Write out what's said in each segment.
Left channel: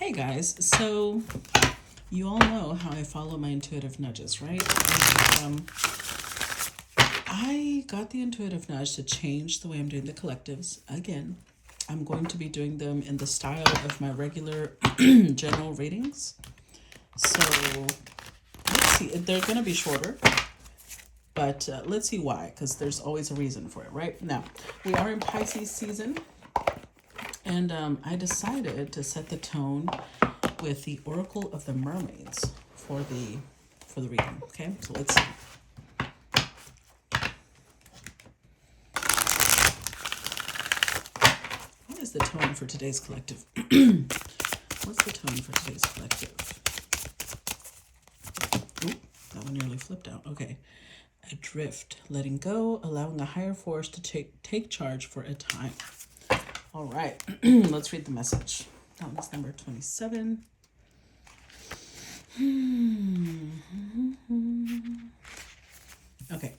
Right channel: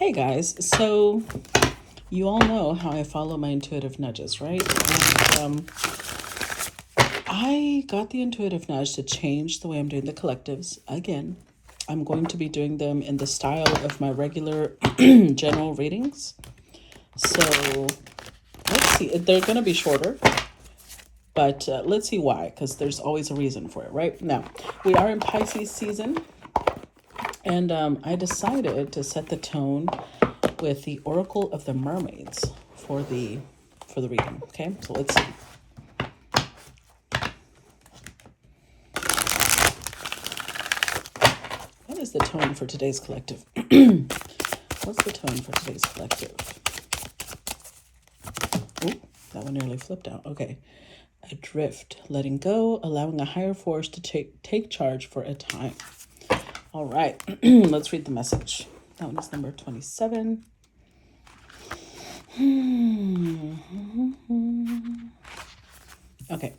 Hey guys, so you all know how I follow my intuitive nudges, right? And, I got the intuitive nudge to change the way I'm doing the collectives again. I'm going to be doing them in the style of my regular general readings. So let's see, they're going to be shorter, but let's see why, because there's always a reason for it, right? Now, we are in Pisces season, and I decided to set the tone with the Oracle of the Mermaids for the reading. Okay, so let's see. What is the tone for today's collective? What's the tone for today's collective? Oh, that one nearly flipped out. Okay. Adrift, letting go, allowing a higher force to take charge for a time. All right, let's read the message. That one is number 27. Okay.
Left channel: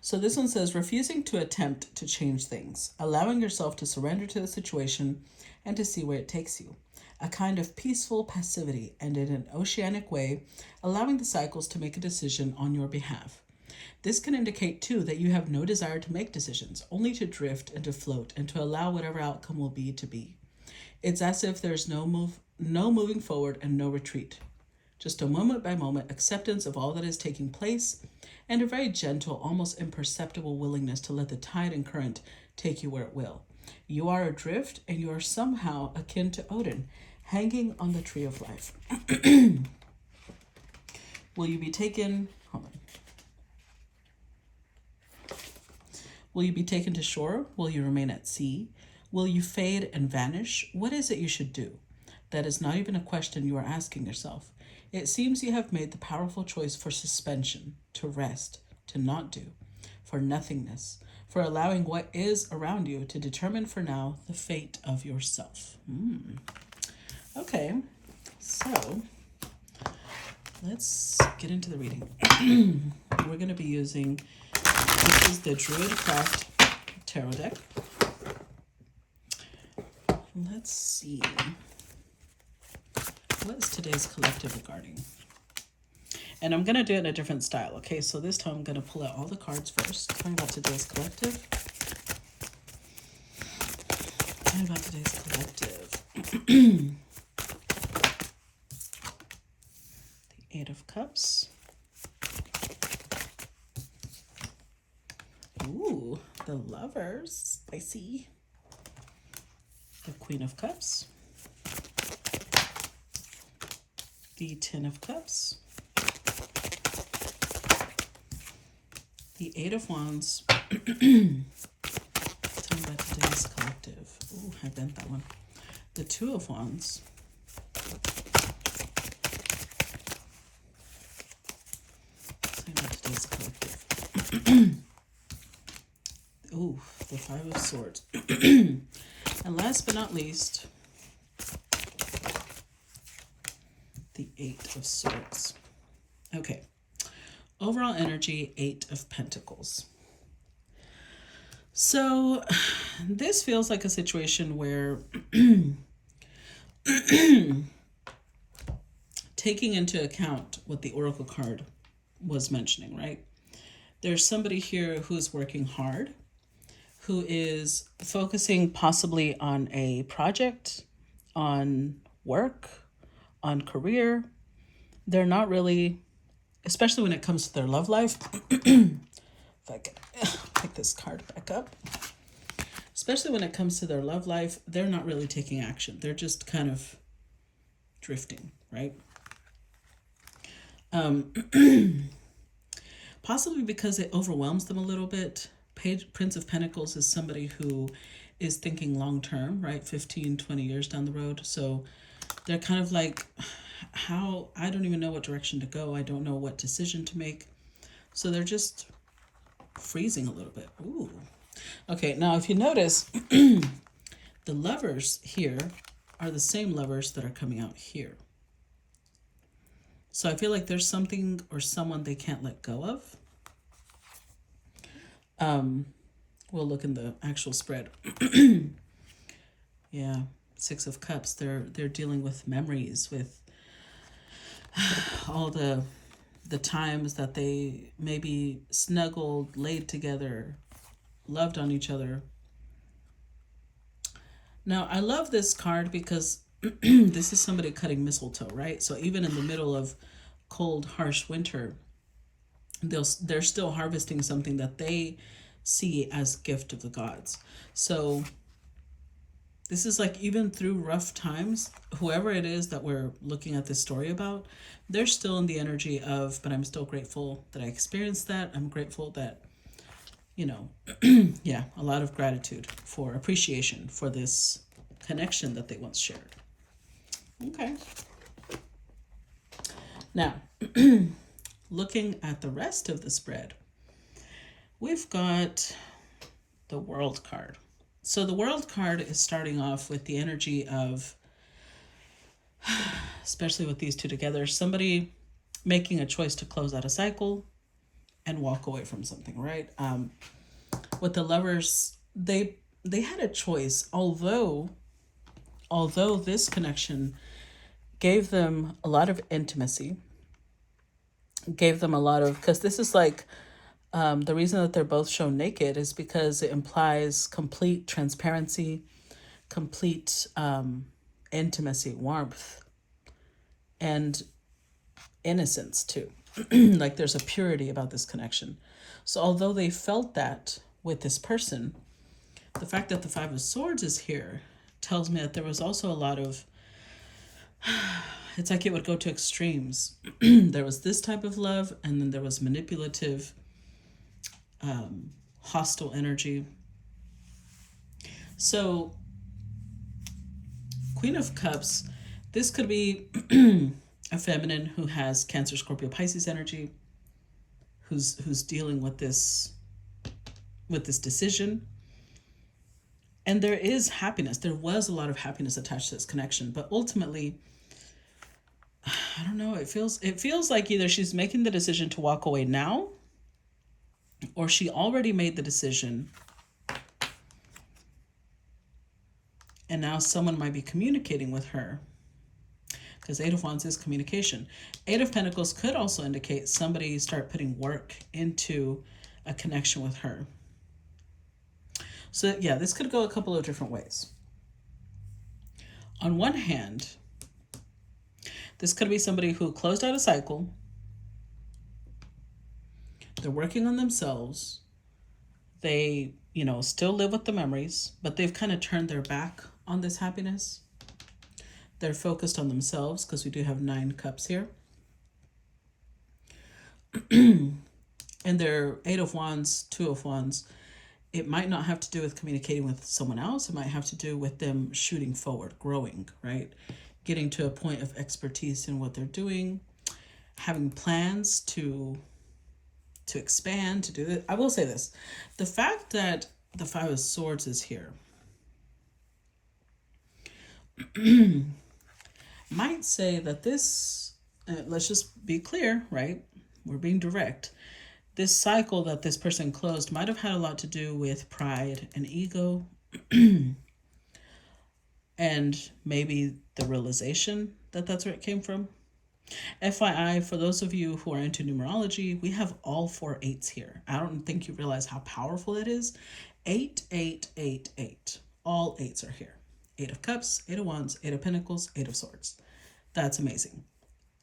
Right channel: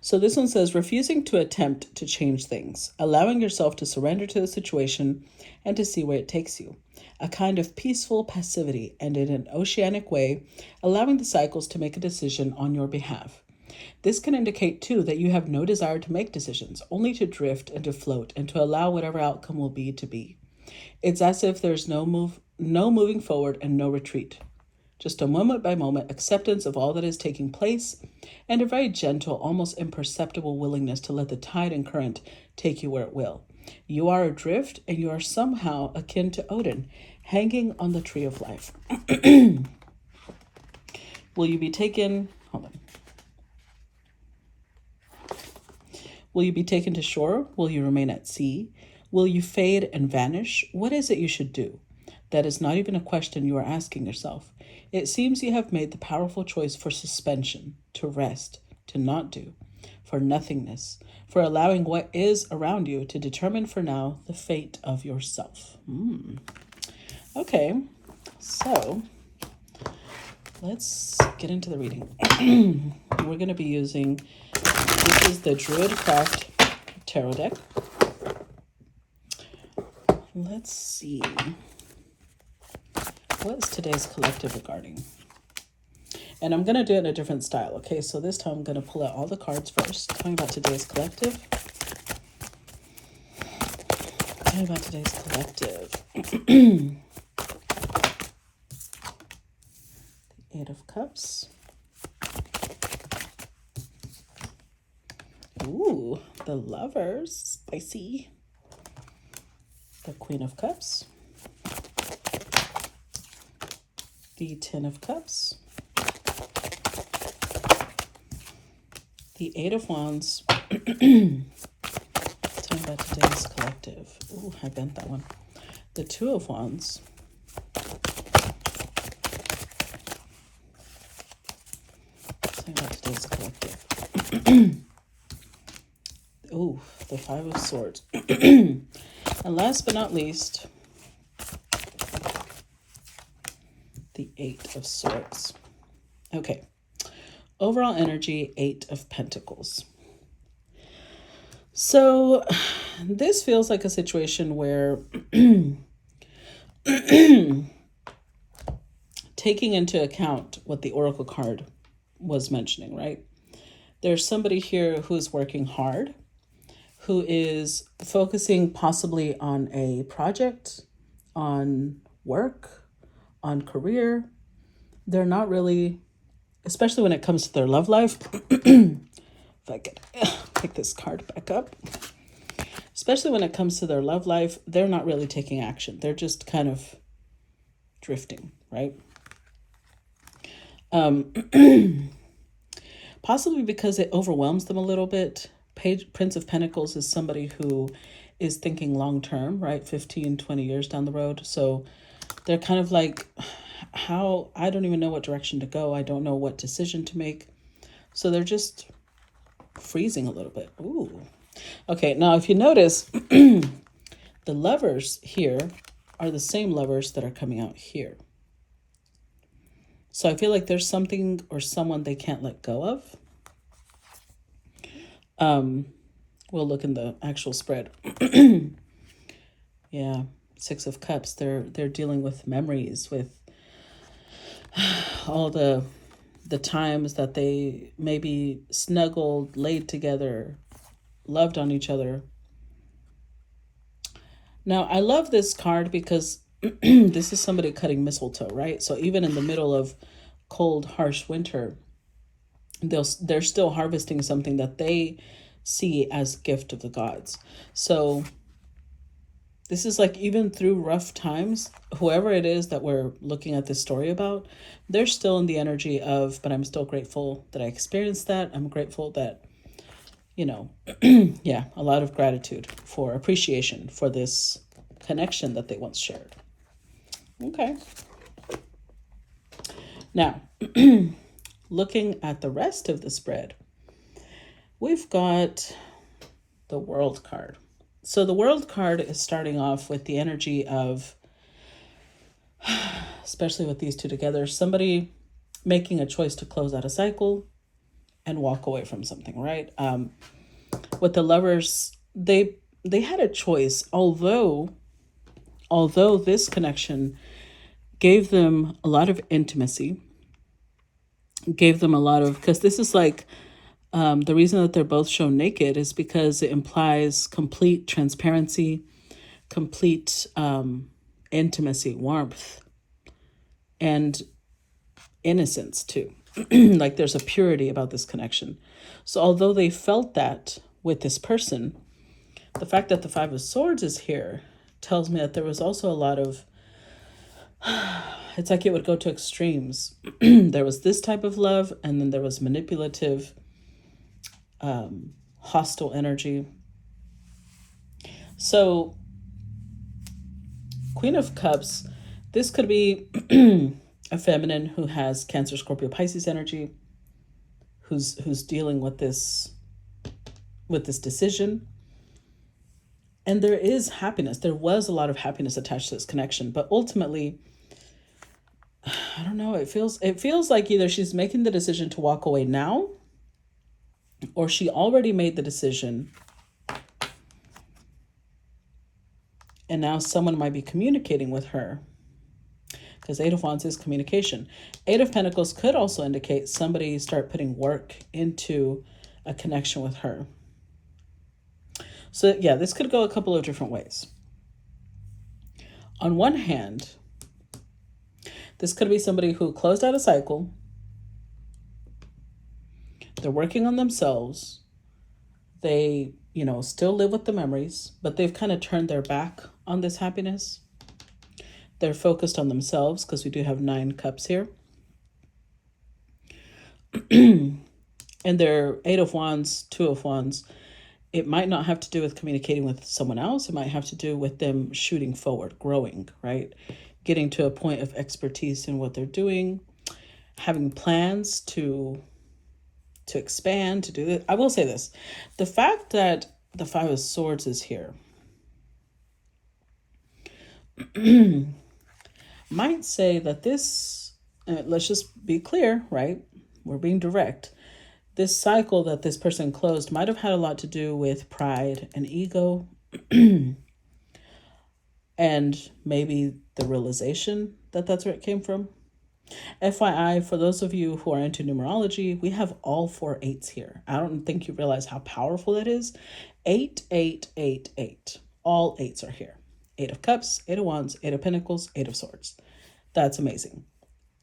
So this one says, refusing to attempt to change things, allowing yourself to surrender to the situation and to see where it takes you. A kind of peaceful passivity, and in an oceanic way, allowing the cycles to make a decision on your behalf. This can indicate, too, that you have no desire to make decisions, only to drift and to float and to allow whatever outcome will be to be. It's as if there's no moving forward and no retreat. Just a moment by moment acceptance of all that is taking place, and a very gentle, almost imperceptible willingness to let the tide and current take you where it will. You are adrift, and you are somehow akin to Odin, hanging on the tree of life. Will you be taken? Hold on. Will you be taken to shore? Will you remain at sea? Will you fade and vanish? What is it you should do? That is not even a question you are asking yourself. It seems you have made the powerful choice for suspension, to rest, to not do, for nothingness, for allowing what is around you to determine for now the fate of yourself. Okay, so let's get into the reading. We're going to be using, this is the Druidcraft Tarot deck. Let's see. What's today's collective regarding? And I'm going to do it in a different style. Okay, so this time I'm going to pull out all the cards first. Talking about today's collective. Talking about today's collective. The Eight of Cups. Ooh, the Lovers. Spicy. The Queen of Cups. The Ten of Cups. The Eight of Wands. Talking about today's collective. Ooh, I bent that one. The Two of Wands. Talking about today's collective. Ooh, the Five of Swords. And last but not least, the Eight of Swords. Okay. Overall energy, Eight of Pentacles. So this feels like a situation where taking into account what the Oracle card was mentioning, right? There's somebody here who's working hard, who is focusing possibly on a project, on work, on career. They're not really, especially when it comes to their love life. If I could pick this card back up. Especially when it comes to their love life, they're not really taking action. They're just kind of drifting, right? Possibly because it overwhelms them a little bit. Prince of Pentacles is somebody who is thinking long term, right? 15, 20 years down the road. So they're kind of like, I don't even know what direction to go. I don't know what decision to make. So they're just freezing a little bit. Ooh. Okay, now if you notice, the Lovers here are the same Lovers that are coming out here. So I feel like there's something or someone they can't let go of. We'll look in the actual spread. Yeah, Six of Cups, they're dealing with memories, with all the times that they maybe snuggled, laid together, loved on each other. Now, I love this card because this is somebody cutting mistletoe, right? So even in the middle of cold, harsh winter, they're still harvesting something that they see as gift of the gods. So this is like, even through rough times, whoever it is that we're looking at this story about, they're still in the energy of, but I'm still grateful that I experienced that. I'm grateful that, yeah, a lot of gratitude for appreciation for this connection that they once shared. Okay. Now, looking at the rest of the spread, we've got the World card. So the World card is starting off with the energy of, especially with these two together, somebody making a choice to close out a cycle and walk away from something, right? With the Lovers, they had a choice, although this connection gave them a lot of intimacy, gave them a lot of, because this is like, the reason that they're both shown naked is because it implies complete transparency, complete intimacy, warmth, and innocence too. Like there's a purity about this connection. So although they felt that with this person, the fact that the Five of Swords is here tells me that there was also a lot of, it's like it would go to extremes. There was this type of love, and then there was manipulative, hostile energy. So Queen of Cups, this could be a feminine who has Cancer, Scorpio, Pisces energy, who's dealing with this decision. And there is happiness. There was a lot of happiness attached to this connection, but ultimately, I don't know, it feels like either she's making the decision to walk away now, or she already made the decision and now someone might be communicating with her, because Eight of Wands is communication. Eight of Pentacles could also indicate somebody start putting work into a connection with her. So yeah, this could go a couple of different ways. On one hand, this could be somebody who closed out a cycle. They're working on themselves. They, still live with the memories, but they've kind of turned their back on this happiness. They're focused on themselves, because we do have 9 cups here. And they're 8 of Wands, 2 of Wands. It might not have to do with communicating with someone else. It might have to do with them shooting forward, growing, right? Getting to a point of expertise in what they're doing, having plans to expand, to do this. I will say this. The fact that the Five of Swords is here might say that this, let's just be clear, right? We're being direct. This cycle that this person closed might have had a lot to do with pride and ego, and maybe the realization that that's where it came from. FYI, for those of you who are into numerology, we have all 4 8s here. I don't think you realize how powerful that is. 8, 8, 8, 8. All 8s are here. 8 of Cups, 8 of Wands, 8 of Pentacles, 8 of Swords. That's amazing.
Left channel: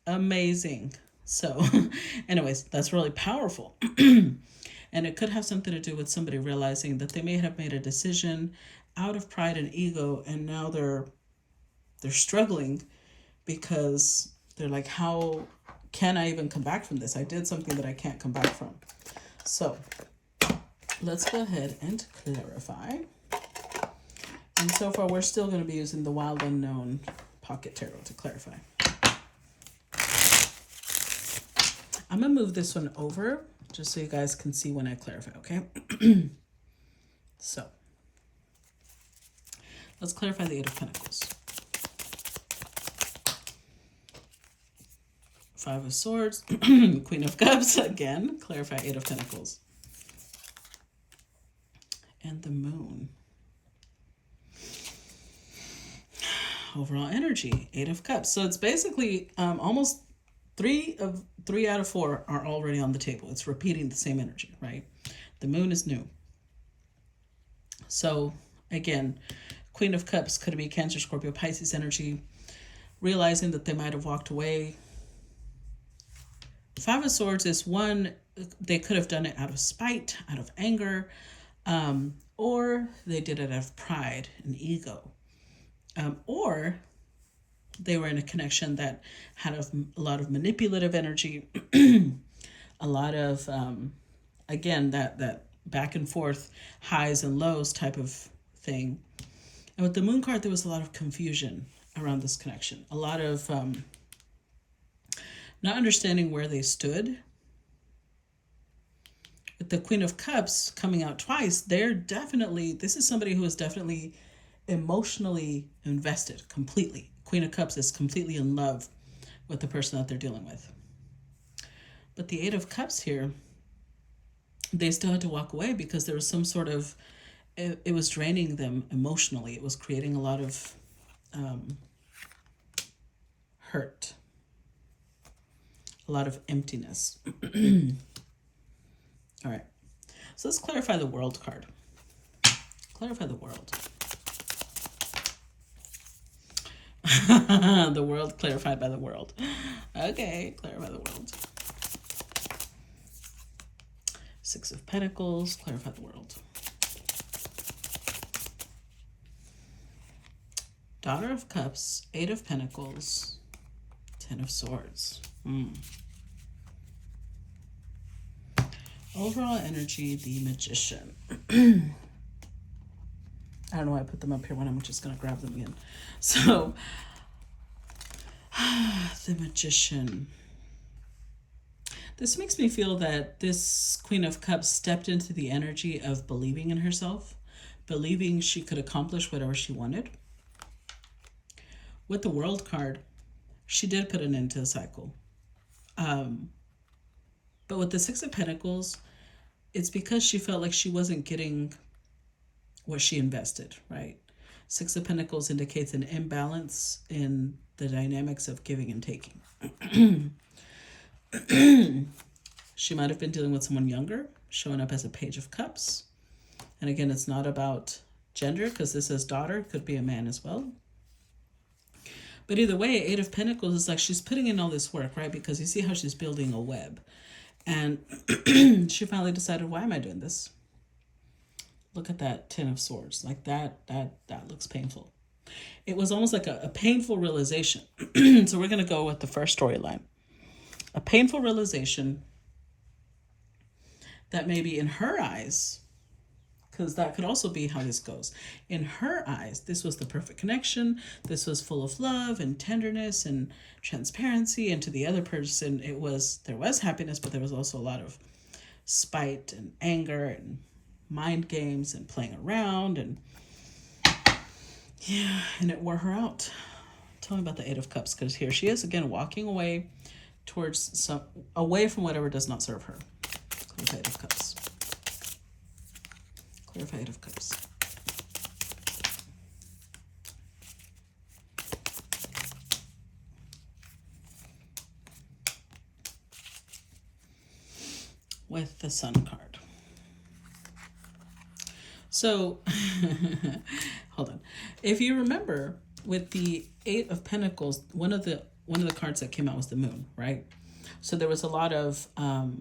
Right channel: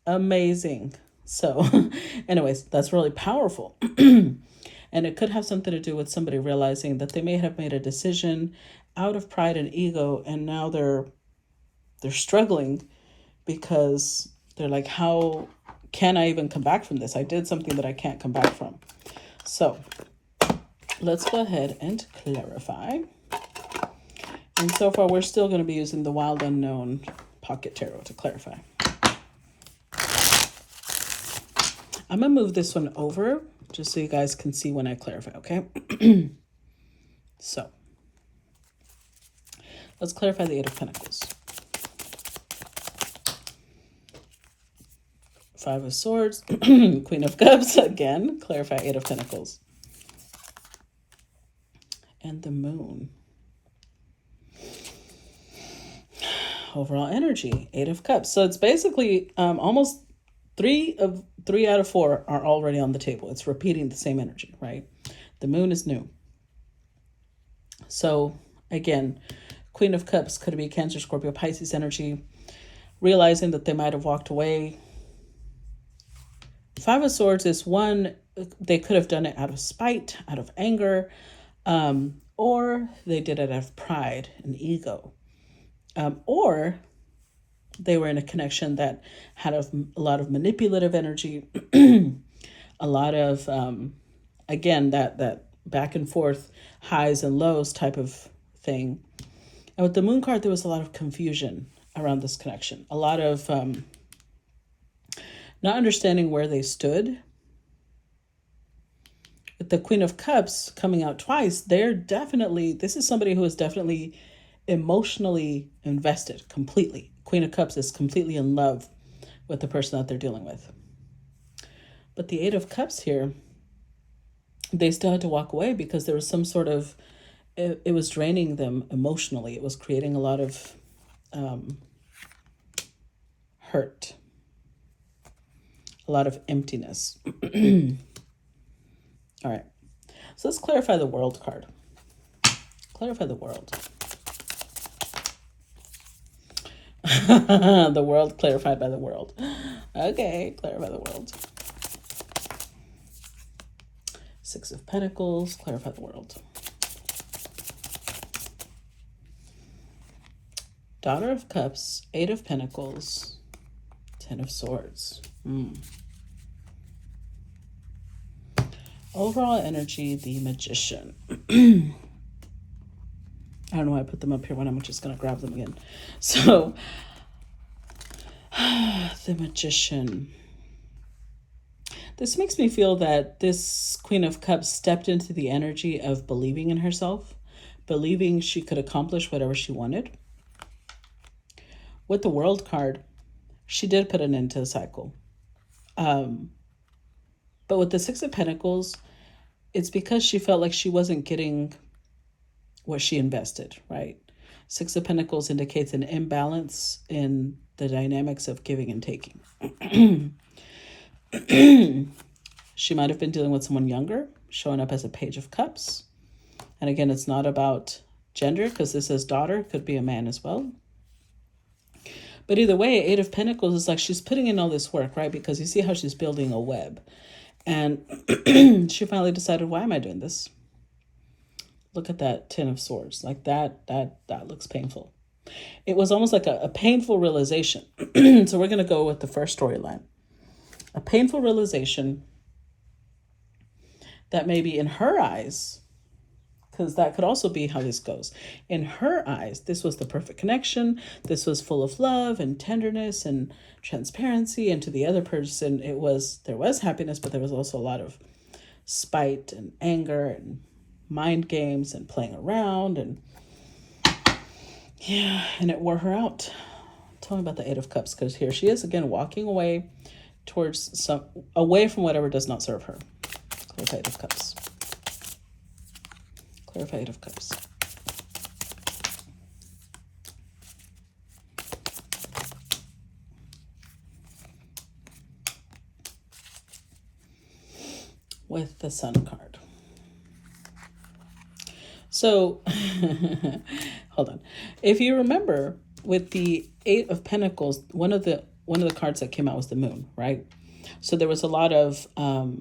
Amazing. So anyways, that's really powerful. And it could have something to do with somebody realizing that they may have made a decision out of pride and ego, and now they're struggling because they're like, how can I even come back from this? I did something that I can't come back from. So let's go ahead and clarify. And so far, we're still going to be using the Wild Unknown Pocket Tarot to clarify. I'm going to move this one over just so you guys can see when I clarify, okay? So let's clarify the 8 of Pentacles. 5 of Swords, Queen of Cups, again, clarify 8 of Pentacles. And the Moon. overall energy, Eight of Cups. So it's basically almost three out of four are already on the table. It's repeating the same energy, right? The moon is new. So again, Queen of Cups could be Cancer, Scorpio, Pisces energy, realizing that they might have walked away. Five of Swords is one, they could have done it out of spite, out of anger, or they did it out of pride and ego. Or they were in a connection that had a lot of manipulative energy, a lot of, again, that back and forth highs and lows type of thing. And with the moon card, there was a lot of confusion around this connection, a lot of not understanding where they stood. With the Queen of Cups coming out twice, this is somebody who is definitely emotionally invested completely. Queen of Cups is completely in love with the person that they're dealing with. But the Eight of Cups here, they still had to walk away because there was some sort of, it was draining them emotionally. It was creating a lot of hurt, a lot of emptiness. All right, so let's clarify the World card. Clarify the World. The World clarified by the World. Okay, clarify the World. Six of Pentacles, clarify the World. Daughter of Cups, Eight of Pentacles, Ten of Swords. Overall energy, the Magician. I don't know why I put them up here when I'm just going to grab them again. So, the Magician. This makes me feel that this Queen of Cups stepped into the energy of believing in herself, believing she could accomplish whatever she wanted. With the World card, she did put an end to the cycle. But with the Six of Pentacles, it's because she felt like she wasn't getting what she invested, right? Six of Pentacles indicates an imbalance in the dynamics of giving and taking. She might have been dealing with someone younger, showing up as a Page of Cups. And again, it's not about gender because this is daughter, could be a man as well. But either way, Eight of Pentacles is like she's putting in all this work, right? Because you see how she's building a web. And she finally decided, why am I doing this? Look at that Ten of Swords. Like that looks painful. It was almost like a painful realization. So we're going to go with the first storyline. A painful realization that maybe in her eyes, because that could also be how this goes. In her eyes, this was the perfect connection. This was full of love and tenderness and transparency. And to the other person, there was happiness, but there was also a lot of spite and anger and mind games and playing around. And yeah, and it wore her out. Tell me about the Eight of Cups, because here she is again, walking away away from whatever does not serve her. Clarify Eight of Cups. Clarify Eight of Cups. With the Sun card. So, hold on. If you remember, with the Eight of Pentacles, one of the cards that came out was the Moon, right? So there was a lot of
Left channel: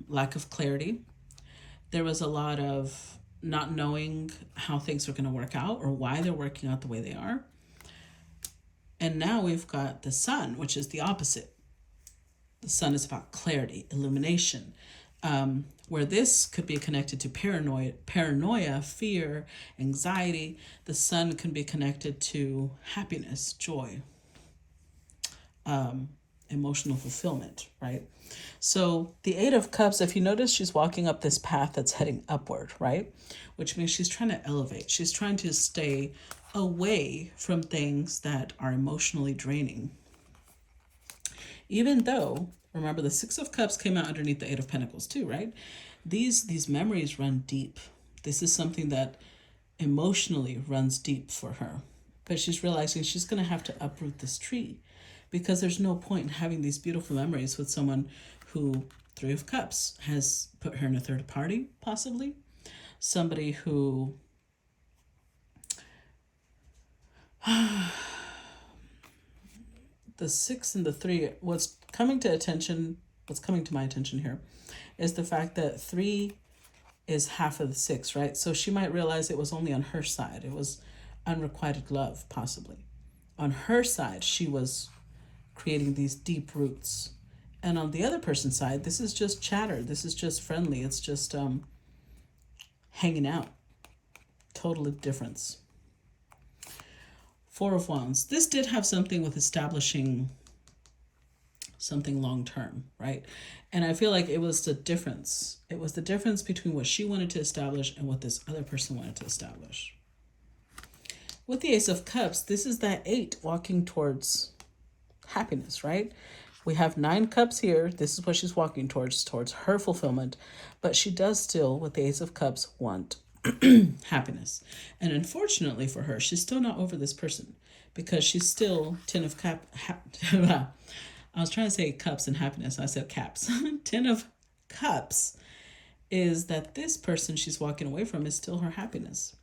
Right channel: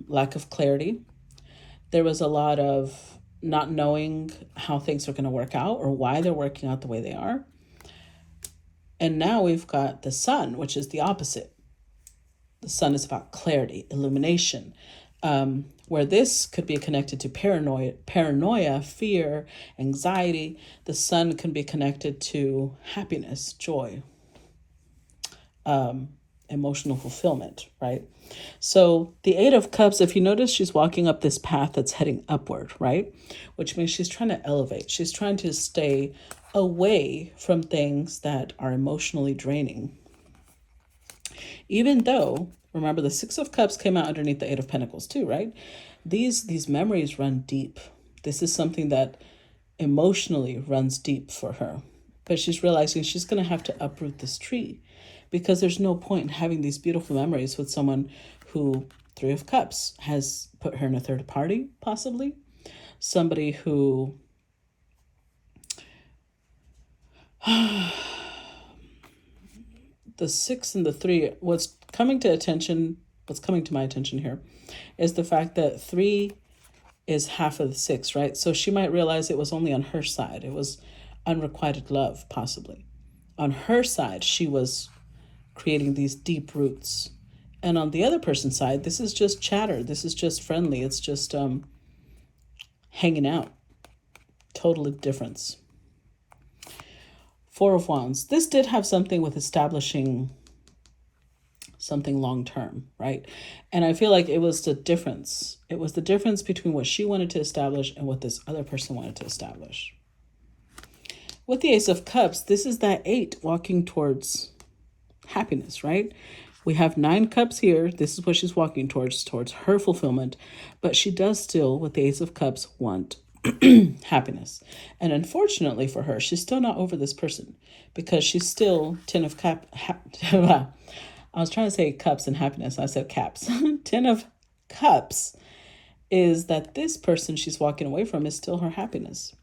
lack of clarity. There was a lot of not knowing how things are going to work out or why they're working out the way they are. And now we've got the Sun, which is the opposite. The Sun is about clarity, illumination, where this could be connected to paranoia, fear, anxiety. The Sun can be connected to happiness, joy, emotional fulfillment, right? So the Eight of Cups, if you notice, she's walking up this path that's heading upward, right? Which means she's trying to elevate. She's trying to stay away from things that are emotionally draining. Even though, remember, the Six of Cups came out underneath the Eight of Pentacles too, right? These memories run deep. This is something that emotionally runs deep for her. But she's realizing she's going to have to uproot this tree because there's no point in having these beautiful memories with someone who, Three of Cups, has put her in a third party, possibly. Somebody who the 6 and the 3, what's coming to my attention here is the fact that 3 is half of the 6, right? So she might realize it was only on her side. It was unrequited love, possibly. On her side, she was creating these deep roots. And on the other person's side, this is just chatter. This is just friendly. It's just hanging out. Total difference. 4 of Wands. This did have something with establishing something long-term, right? And I feel like it was the difference. It was the difference between what she wanted to establish and what this other person wanted to establish. With the Ace of Cups, this is that 8 walking towards happiness, right? We have 9 cups here. This is what she's walking towards her fulfillment. But she does still, with the Ace of Cups, want happiness. And unfortunately for her, she's still not over this person because she's still 10 of Cups. I was trying to say cups and happiness. I said caps. 10 of Cups is that this person she's walking away from is still her happiness.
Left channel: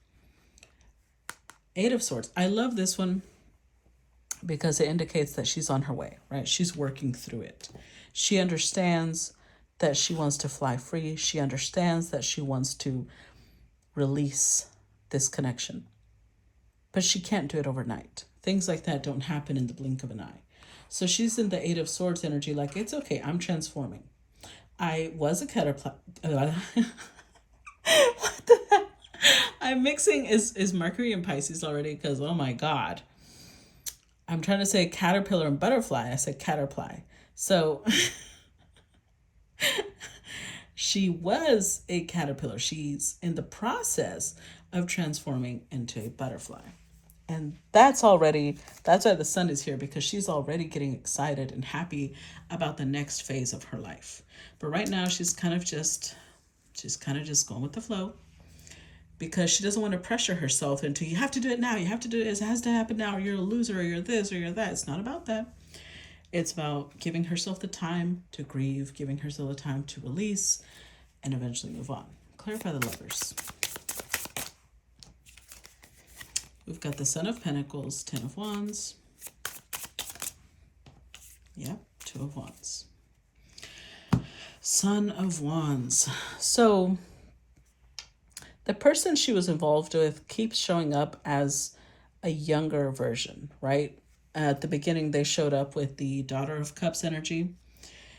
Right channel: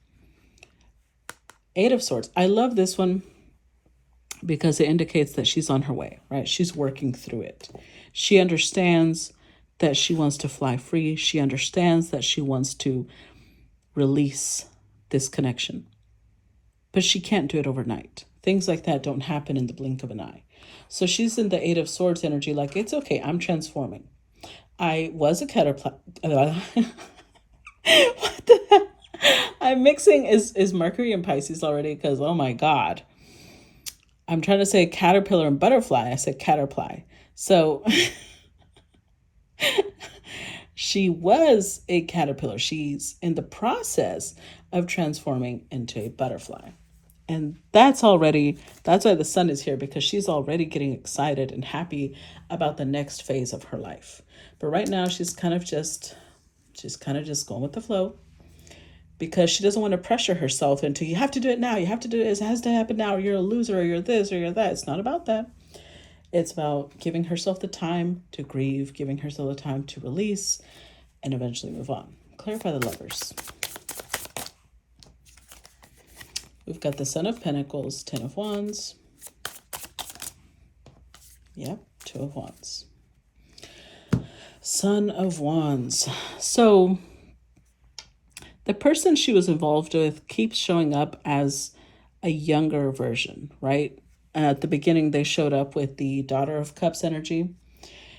8 of Swords. I love this one because it indicates that she's on her way, right? She's working through it. She understands that she wants to fly free. She understands that she wants to release this connection. But she can't do it overnight. Things like that don't happen in the blink of an eye. So she's in the 8 of Swords energy, like, it's okay, I'm transforming. I was a caterpillar. What the hell? I'm mixing is Mercury and Pisces already because, oh my God. I'm trying to say caterpillar and butterfly. I said caterpillar. So she was a caterpillar. She's in the process of transforming into a butterfly. And that's why the sun is here, because she's already getting excited and happy about the next phase of her life. But right now she's kind of just going with the flow, because she doesn't want to pressure herself into, you have to do it now, you have to do it, it has to happen now, or you're a loser, or you're this, or you're that. It's not about that. It's about giving herself the time to grieve, giving herself the time to release, and eventually move on. Clarify the Lovers. We've got the Son of Pentacles, 10 of Wands. Yep, 2 of Wands. Son of Wands. So the person she was involved with keeps showing up as a younger version, right? At the beginning, they showed up with the Daughter of Cups energy.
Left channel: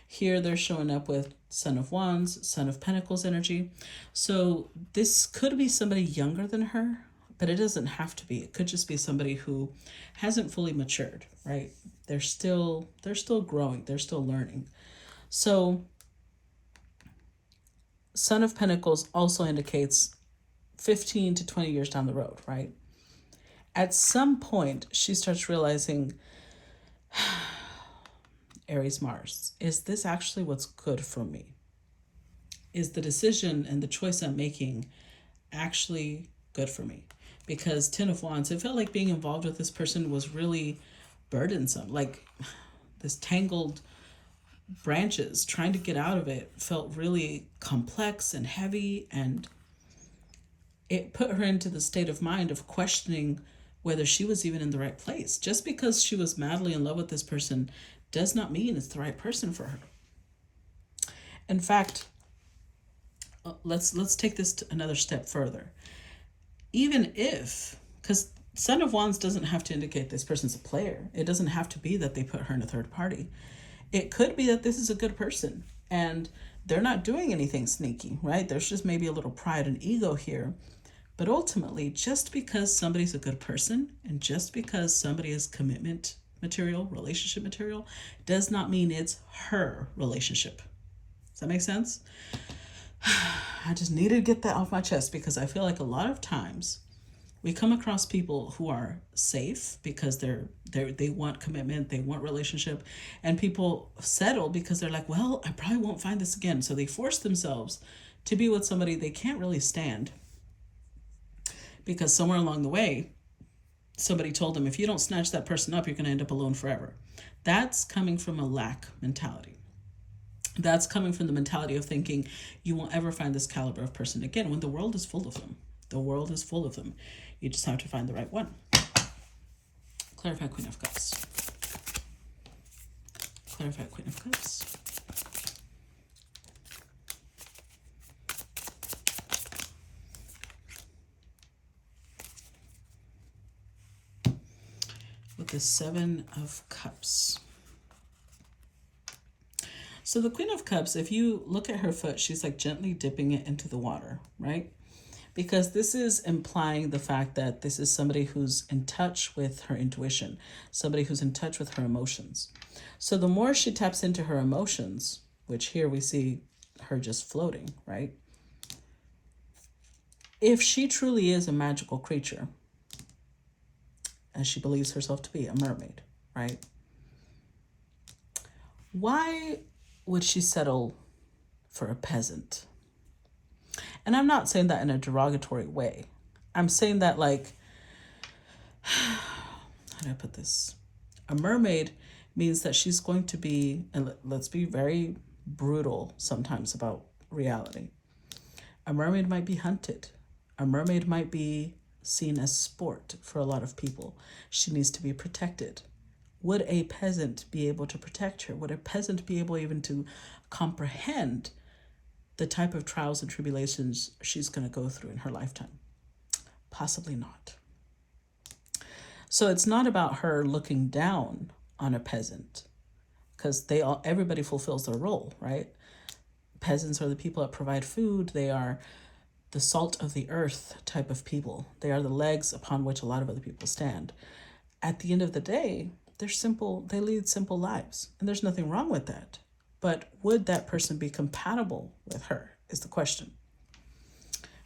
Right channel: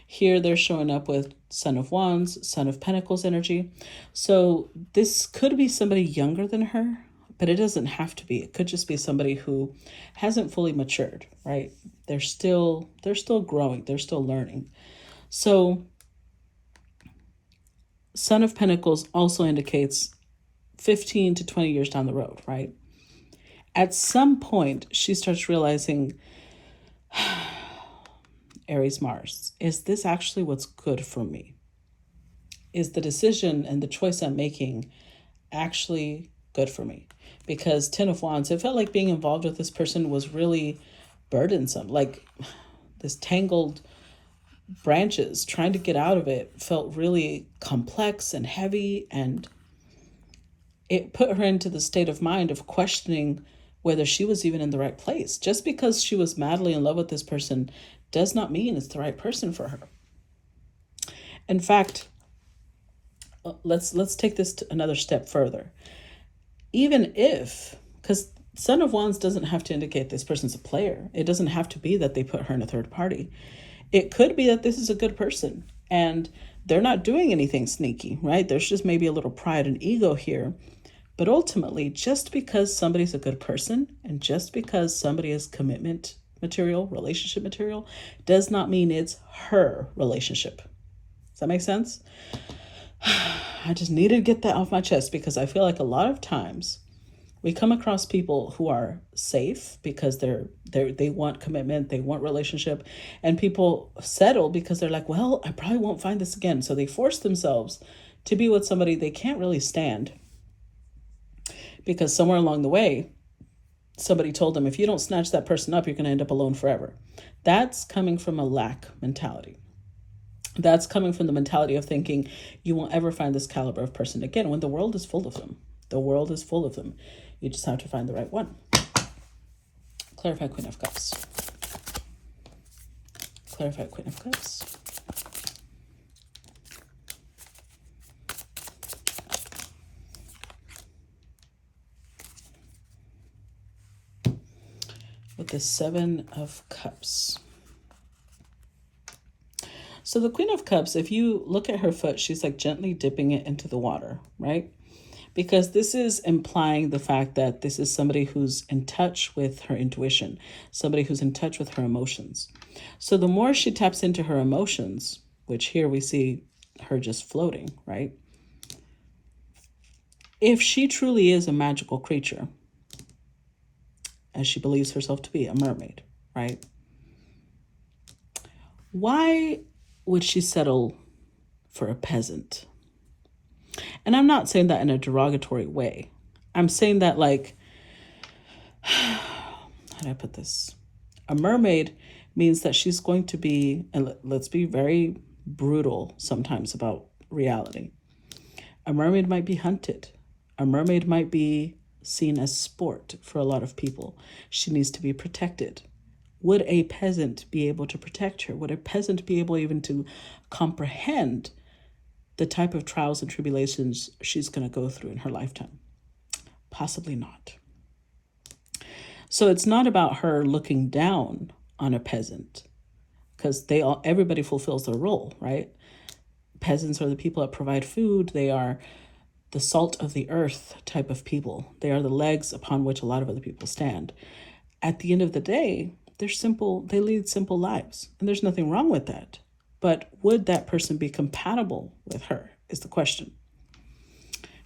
Here, they're showing up with Son of Wands, Son of Pentacles energy. So this could be somebody younger than her, but it doesn't have to be. It could just be somebody who hasn't fully matured, right? They're still growing. They're still learning. So Son of Pentacles also indicates 15 to 20 years down the road, right? At some point, she starts realizing, Aries Mars, is this actually what's good for me? Is the decision and the choice I'm making actually good for me? Because 10 of Wands, it felt like being involved with this person was really burdensome. Like this tangled branches, trying to get out of it felt really complex and heavy, and it put her into the state of mind of questioning whether she was even in the right place. Just because she was madly in love with this person does not mean it's the right person for her. In fact, let's take this to another step further. Even if, because Son of Wands doesn't have to indicate this person's a player. It doesn't have to be that they put her in a third party. It could be that this is a good person and they're not doing anything sneaky, right? There's just maybe a little pride and ego here. But ultimately, just because somebody's a good person and just because somebody is commitment material, relationship material, does not mean it's her relationship. Does that make sense? I just needed to get that off my chest, because I feel like a lot of times we come across people who are safe because they want commitment, they want relationship, and people settle because they're like, well, I probably won't find this again. So they force themselves to be with somebody they can't really stand, because somewhere along the way, somebody told them, if you don't snatch that person up, you're going to end up alone forever. That's coming from a lack mentality. That's coming from the mentality of thinking you won't ever find this caliber of person again, when the world is full of them. The world is full of them. You just have to find the right one. Clarify Queen of Cups. Clarify Queen of Cups. With the Seven of Cups. So the Queen of Cups, if you look at her foot, she's like gently dipping it into the water, right? Because this is implying the fact that this is somebody who's in touch with her intuition, somebody who's in touch with her emotions. So the more she taps into her emotions, which here we see her just floating, right? If she truly is a magical creature, as she believes herself to be, a mermaid, right? Why would she settle for a peasant? And I'm not saying that in a derogatory way. I'm saying that, like, how do I put this? A mermaid means that she's going to be, and let's be very brutal sometimes about reality. A mermaid might be hunted. A mermaid might be seen as sport for a lot of people. She needs to be protected. Would a peasant be able to protect her? Would a peasant be able even to comprehend the type of trials and tribulations she's going to go through in her lifetime? Possibly not. So it's not about her looking down on a peasant, because everybody fulfills their role, right? Peasants are the people that provide food. They are the salt of the earth type of people. They are the legs upon which a lot of other people stand. At the end of the day, they're simple. They lead simple lives, and there's nothing wrong with that. But would that person be compatible with her is the question.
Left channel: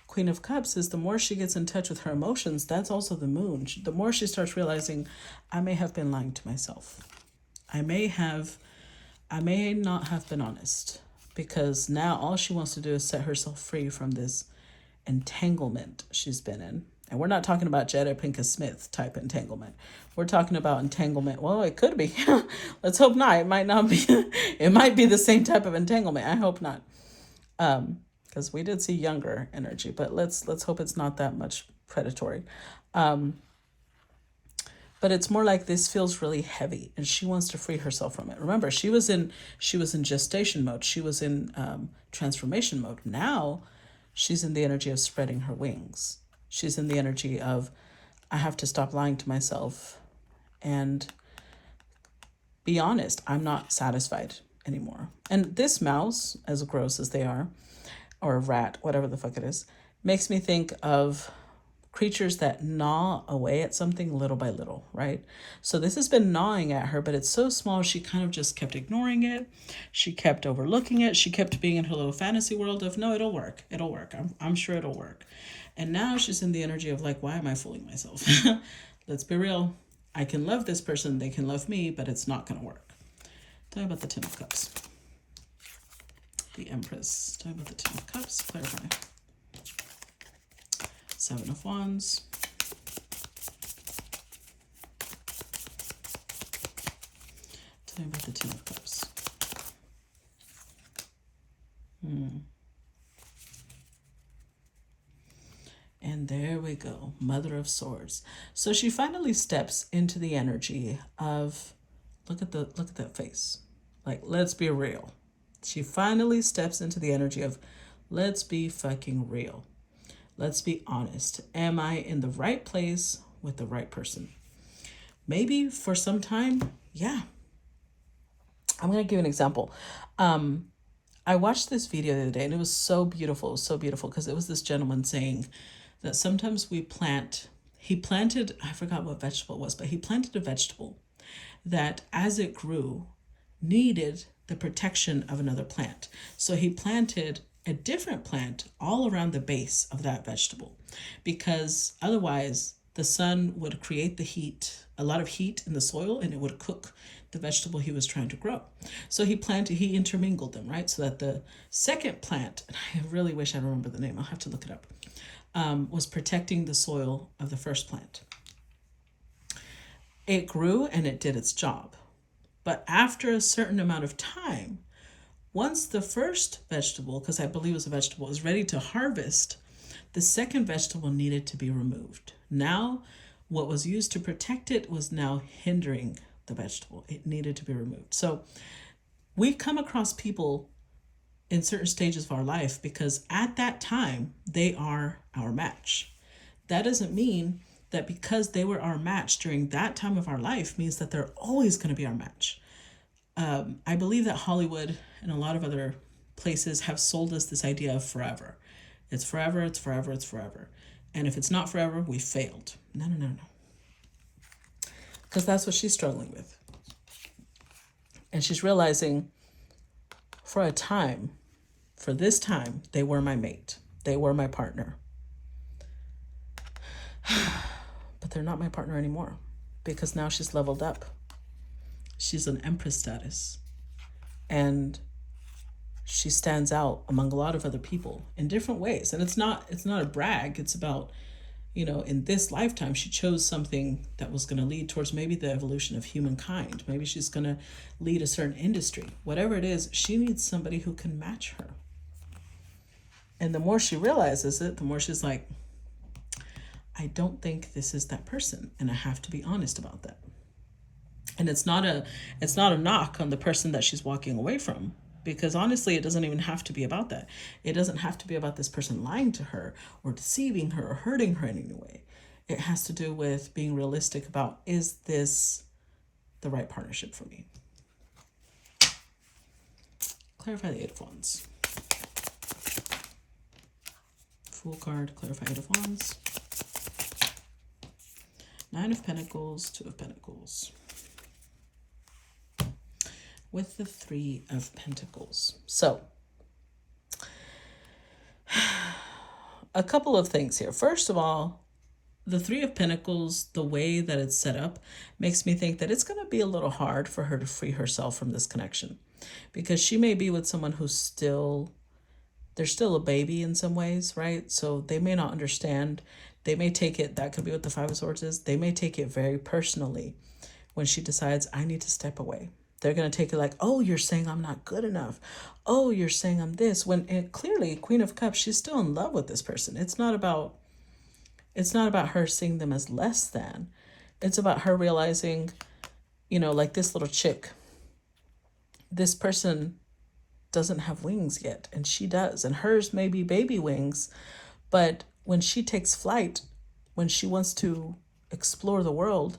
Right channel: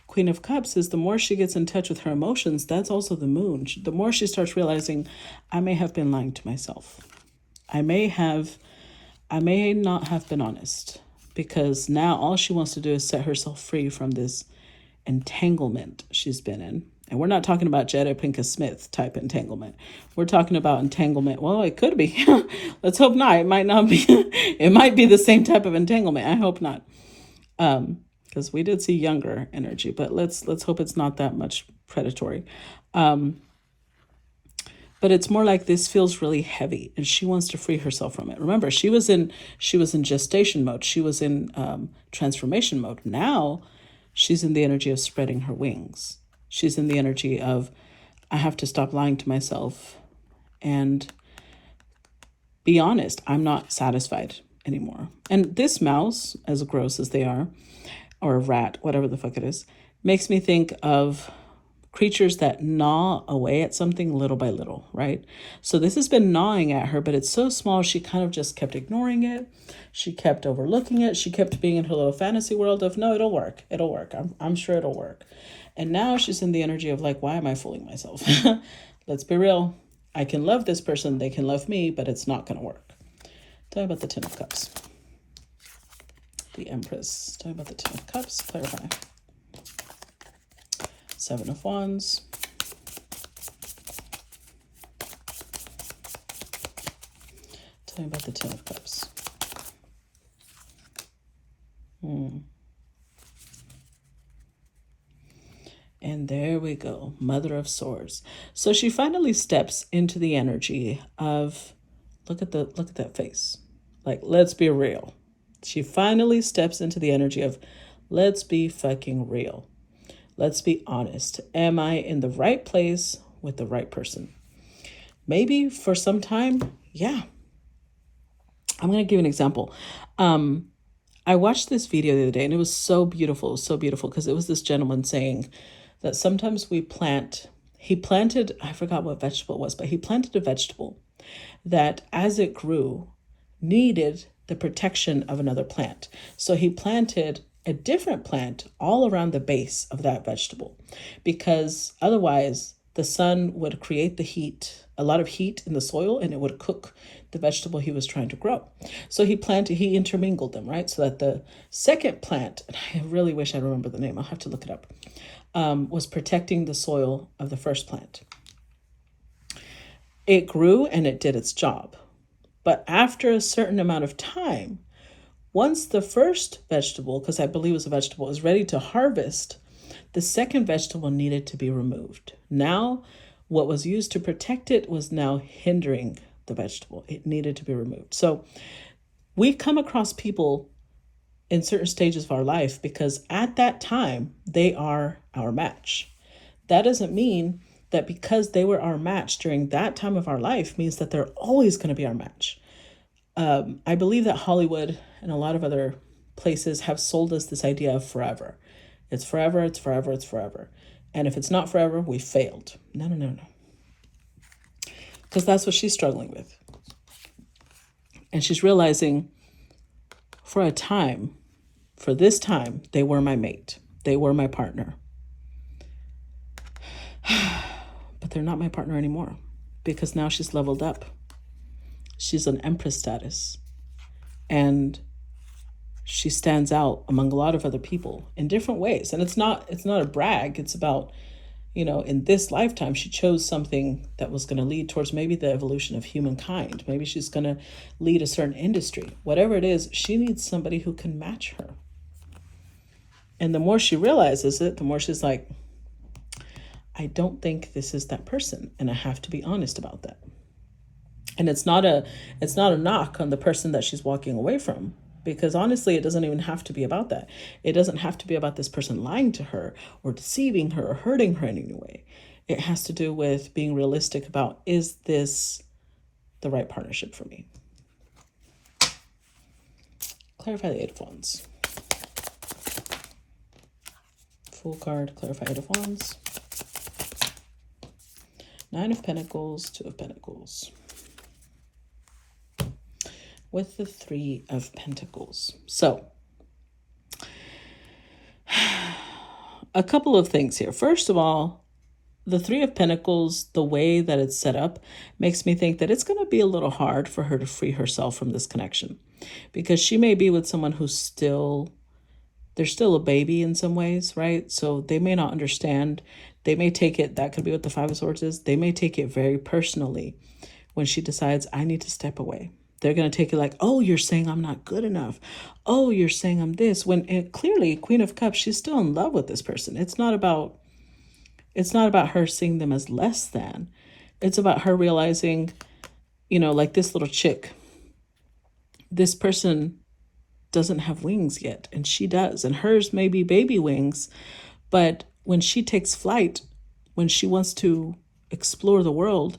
Queen of Cups is the more she gets in touch with her emotions, that's also the moon. The more she starts realizing, I may have been lying to myself. I may not have been honest, because now all she wants to do is set herself free from this entanglement she's been in. And we're not talking about Jada Pinkett Smith type entanglement. We're talking about entanglement. Well, it could be. Let's hope not. It might not be. It might be the same type of entanglement. I hope not. Because we did see younger energy, but let's hope it's not that much predatory. But it's more like this feels really heavy, and she wants to free herself from it. Remember, she was in gestation mode. She was in transformation mode. Now she's in the energy of spreading her wings. She's in the energy of, I have to stop lying to myself and be honest. I'm not satisfied anymore. And this mouse, as gross as they are, or a rat, whatever the fuck it is, makes me think of creatures that gnaw away at something little by little, right? So this has been gnawing at her, but it's so small, she kind of just kept ignoring it. She kept overlooking it. She kept being in her little fantasy world of, no, it'll work. It'll work. I'm sure it'll work. And now she's in the energy of like, why am I fooling myself? Let's be real. I can love this person. They can love me, but it's not going to work. Tell me about the Ten of Cups. The Empress. Tell me about the Ten of Cups. Clarify. Seven of Wands. Tell me about the Ten of Cups. And there we go, Mother of Swords. So she finally steps into the energy of, look at that face. Like, let's be real. She finally steps into the energy of, let's be fucking real. Let's be honest. Am I in the right place with the right person? Maybe for some time, yeah. I'm going to give an example. I watched this video the other day, and it was so beautiful, because it was this gentleman saying that sometimes he planted, I forgot what vegetable it was, but he planted a vegetable that as it grew needed the protection of another plant. So he planted a different plant all around the base of that vegetable, because otherwise the sun would create a lot of heat in the soil, and it would cook the vegetable he was trying to grow. So he intermingled them, right? So that the second plant, and I really wish I remember the name, I'll have to look it up, was protecting the soil of the first plant. It grew and it did its job. But after a certain amount of time, once the first vegetable, because I believe it was a vegetable, is ready to harvest, the second vegetable needed to be removed. Now, what was used to protect it was now hindering the vegetable. It needed to be removed. So we come across people in certain stages of our life because at that time, they are our match. That doesn't mean that because they were our match during that time of our life means that they're always going to be our match. I believe that Hollywood and a lot of other places have sold us this idea of forever. It's forever, it's forever, it's forever. And if it's not forever, we failed. No, no, no, no. Because that's what she's struggling with. And she's realizing for this time, they were my mate. They were my partner. But they're not my partner anymore because now she's leveled up. She's an empress status. And she stands out among a lot of other people in different ways. And it's not a brag. It's about, in this lifetime, she chose something that was going to lead towards maybe the evolution of humankind. Maybe she's going to lead a certain industry. Whatever it is, she needs somebody who can match her. And the more she realizes it, the more she's like, I don't think this is that person. And I have to be honest about that. And it's not a knock on the person that she's walking away from, because honestly, it doesn't even have to be about that. It doesn't have to be about this person lying to her or deceiving her or hurting her in any way. It has to do with being realistic about, is this the right partnership for me? Clarify the Eight of Wands. Fool card, clarify Eight of Wands. Nine of Pentacles, Two of Pentacles. With the Three of Pentacles. So, a couple of things here. First of all, the Three of Pentacles, the way that it's set up, makes me think that it's going to be a little hard for her to free herself from this connection. Because she may be with someone who's they're still a baby in some ways, right? So they may not understand. They may take it, that could be what the Five of Swords is. They may take it very personally when she decides, I need to step away. They're going to take it like, oh, you're saying I'm not good enough. Oh, you're saying I'm this. When clearly, Queen of Cups, she's still in love with this person. It's not about her seeing them as less than. It's about her realizing, like this little chick, this person doesn't have wings yet, and she does. And hers may be baby wings, but when she takes flight, when she wants to explore the world,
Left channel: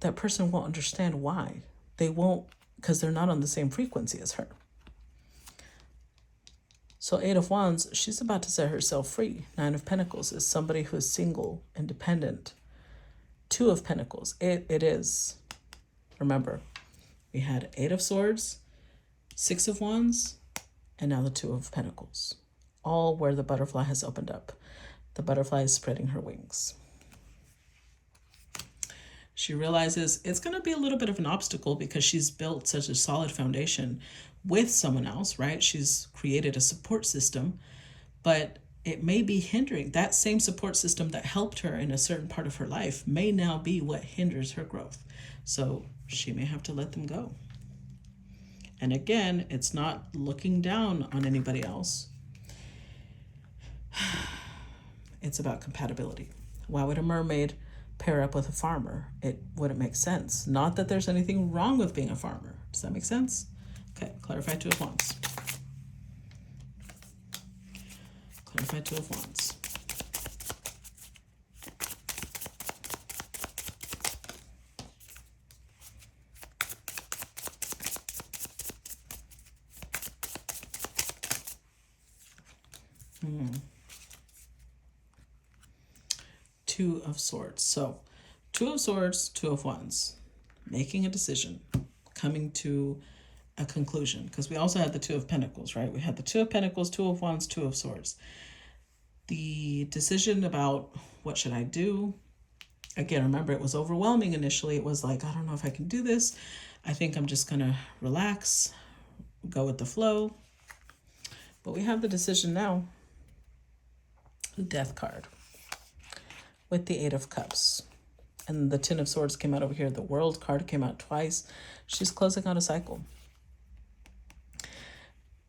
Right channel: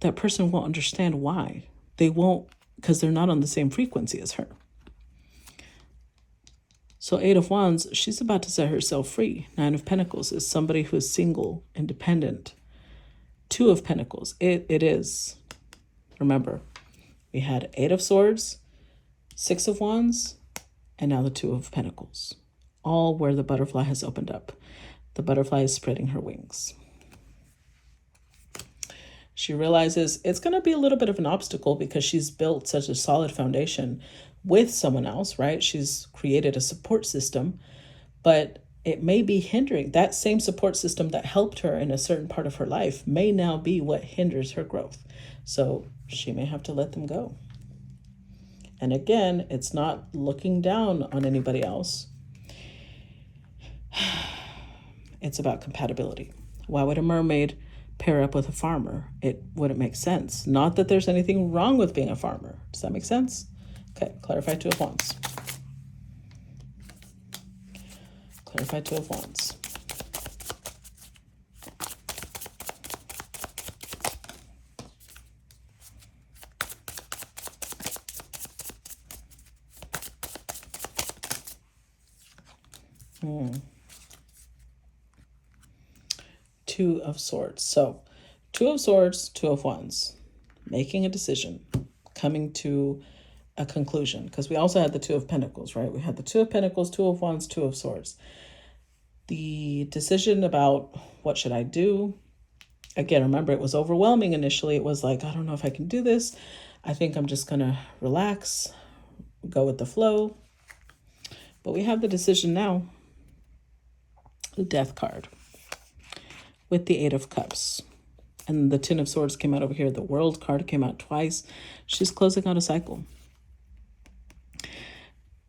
that person won't understand why. They won't, because they're not on the same frequency as her. So Eight of Wands, she's about to set herself free. Nine of Pentacles is somebody who's single, independent. Two of Pentacles, it is. Remember, we had Eight of Swords, Six of Wands, and now the Two of Pentacles. All where the butterfly has opened up. The butterfly is spreading her wings. She realizes it's going to be a little bit of an obstacle because she's built such a solid foundation with someone else, right? She's created a support system, but it may be hindering. That same support system that helped her in a certain part of her life may now be what hinders her growth. So she may have to let them go. And again, it's not looking down on anybody else. It's about compatibility. Why would a mermaid pair up with a farmer? It wouldn't make sense. Not that there's anything wrong with being a farmer. Does that make sense? Okay, clarify Two of Wands. Clarify Two of Wands. Two of Swords. So Two of Swords, Two of Wands. Making a decision. Coming to a conclusion. Because we also had the Two of Pentacles, right? We had the Two of Pentacles, Two of Wands, Two of Swords. The decision about what should I do? Again, remember, it was overwhelming initially. It was like, I don't know if I can do this. I think I'm just going to relax, go with the flow. But we have the decision now. The Death card with the Eight of Cups. And the Ten of Swords came out over here. The World card came out twice. She's closing out a cycle.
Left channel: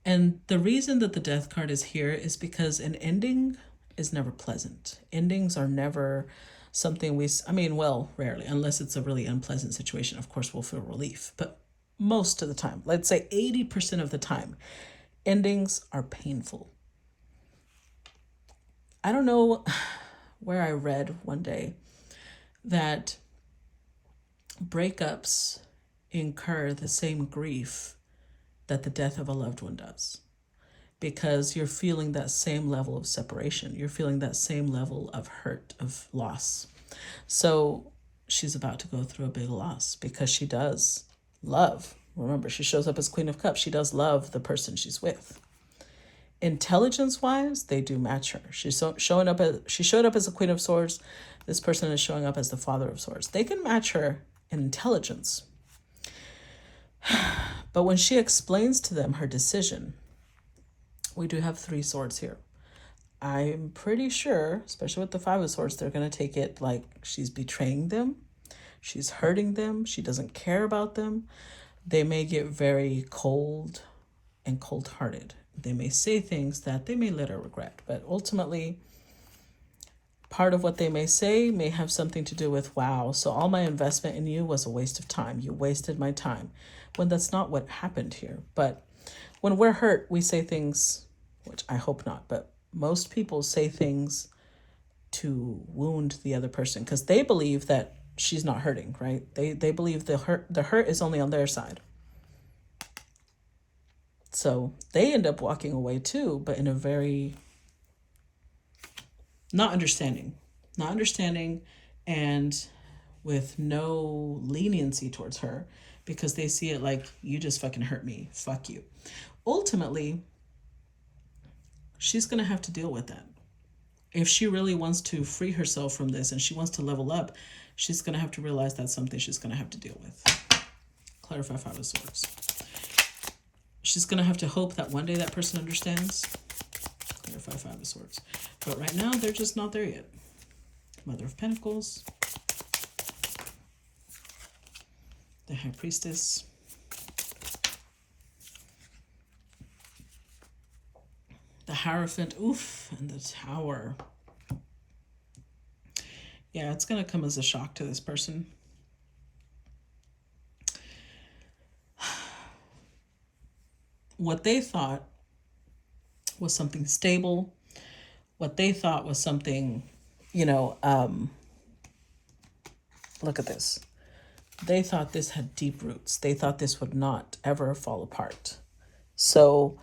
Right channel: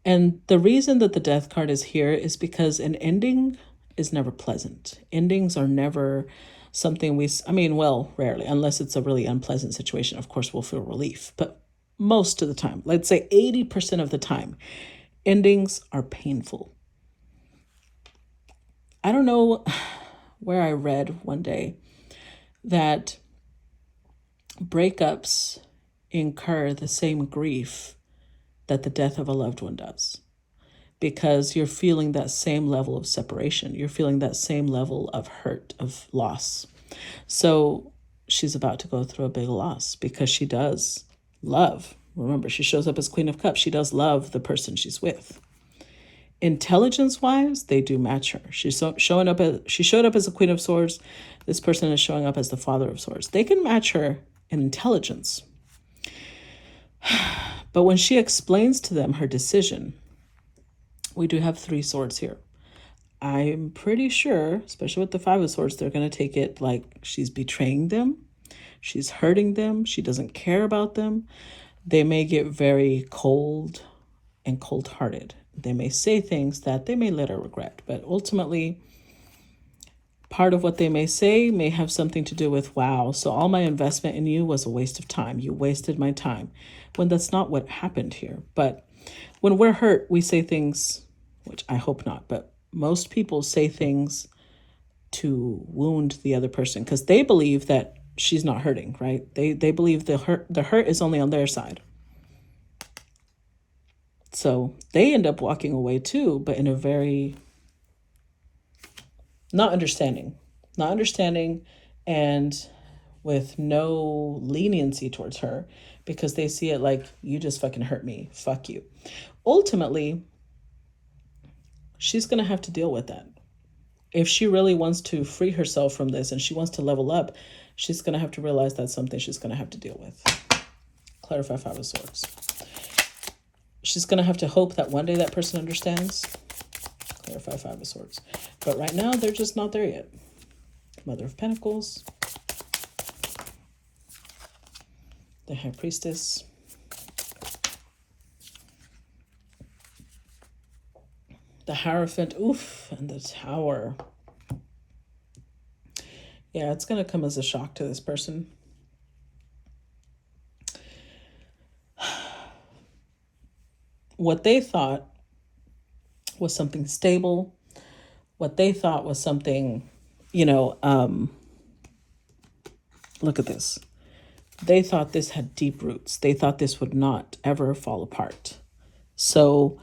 And the reason that the Death card is here is because an ending is never pleasant. Endings are never something rarely, unless it's a really unpleasant situation. Of course, we'll feel relief. But most of the time, let's say 80% of the time, endings are painful. I don't know where I read one day that breakups incur the same grief that the death of a loved one does, because you're feeling that same level of separation. You're feeling that same level of hurt, of loss. So she's about to go through a big loss because she does love. Remember, she shows up as Queen of Cups. She does love the person she's with. Intelligence-wise, they do match her. She showed up as a Queen of Swords. This person is showing up as the Father of Swords. They can match her in intelligence. But when she explains to them her decision, we do have 3 swords here. I'm pretty sure, especially with the 5 of Swords, they're going to take it like she's betraying them. She's hurting them. She doesn't care about them. They may get very cold and cold-hearted. They may say things that they may later regret, but ultimately, part of what they may say may have something to do with, wow, so all my investment in you was a waste of time. You wasted my time. When that's not what happened here. But when we're hurt, we say things, which I hope not, but most people say things to wound the other person because they believe that she's not hurting, right? They believe the hurt is only on their side. So they end up walking away too, but in a very not understanding and with no leniency towards her, because they see it like, you just fucking hurt me. Fuck you. Ultimately, she's going to have to deal with that. If she really wants to free herself from this and she wants to level up, she's going to have to realize that's something she's going to have to deal with. Clarify 5 of Swords. She's going to have to hope that one day that person understands. Clarify 5 of Swords. But right now, they're just not there yet. Mother of Pentacles. The High Priestess. The Hierophant. Oof. And the Tower. Yeah, it's going to come as a shock to this person. What they thought was something stable. What they thought was something, look at this. They thought this had deep roots. They thought this would not ever fall apart. So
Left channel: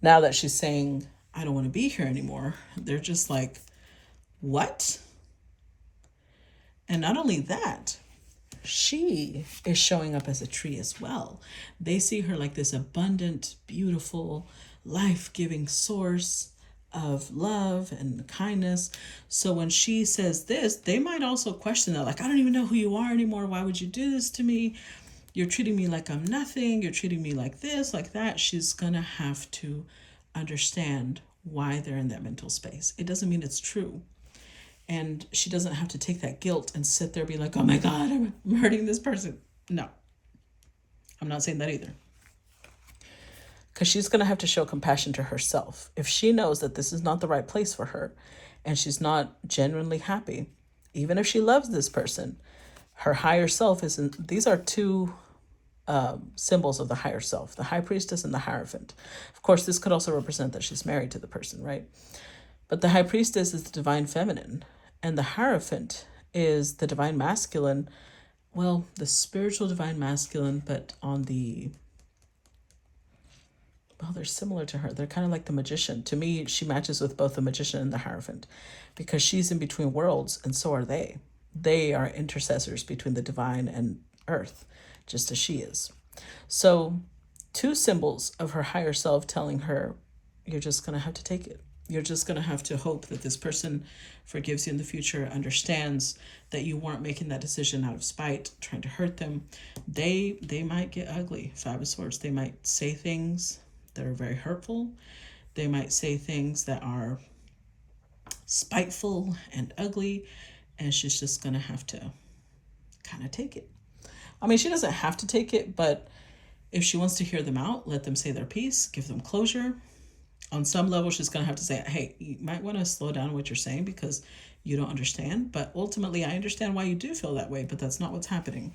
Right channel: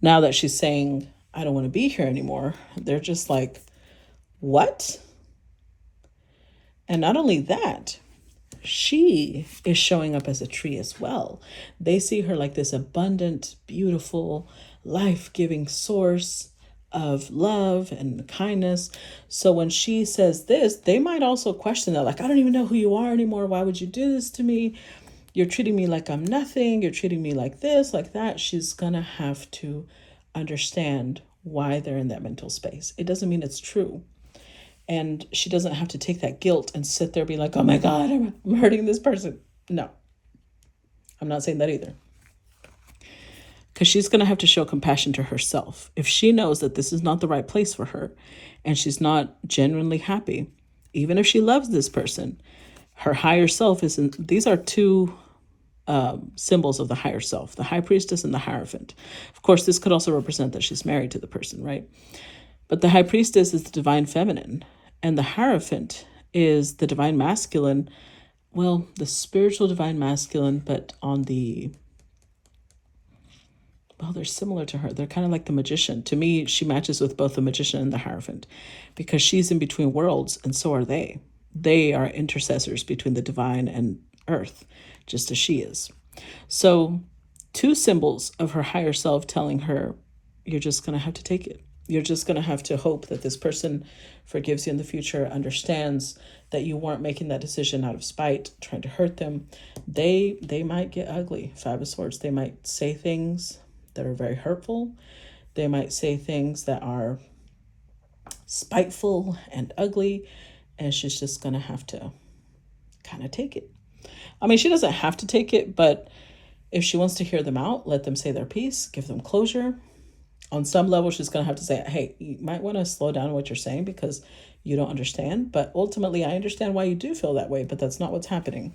now that she's saying, I don't want to be here anymore, they're just like, what? And not only that, she is showing up as a tree as well. They see her like this abundant, beautiful, life-giving source of love and kindness. So when she says this, they might also question that, like, I don't even know who you are anymore. Why would you do this to me? You're treating me like I'm nothing. You're treating me like this, like that. She's gonna have to understand why they're in that mental space. It doesn't mean it's true. And she doesn't have to take that guilt and sit there being like, oh my God, I'm hurting this person. No, I'm not saying that either. Because she's going to have to show compassion to herself. If she knows that this is not the right place for her and she's not genuinely happy, even if she loves this person, her higher self isn't. These are 2 symbols of the higher self, the High Priestess and the Hierophant. Of course, this could also represent that she's married to the person, right? But the High Priestess is the divine feminine, and the Hierophant is the divine masculine. Well, the spiritual divine masculine, but on the... Well, they're similar to her. They're kind of like the magician. To me, she matches with both the magician and the Hierophant because she's in between worlds, and so are they. They are intercessors between the divine and earth, just as she is. So 2 symbols of her higher self telling her, you're just going to have to take it. You're just going to have to hope that this person forgives you in the future, understands that you weren't making that decision out of spite, trying to hurt them. They might get ugly. 5 of Swords. They might say things that are very hurtful. They might say things that are spiteful and ugly. And she's just going to have to kind of take it. I mean, she doesn't have to take it, but if she wants to hear them out, let them say their piece, give them closure. On some level, she's going to have to say, hey, you might want to slow down what you're saying because you don't understand. But ultimately, I understand why you do feel that way, but that's not what's happening.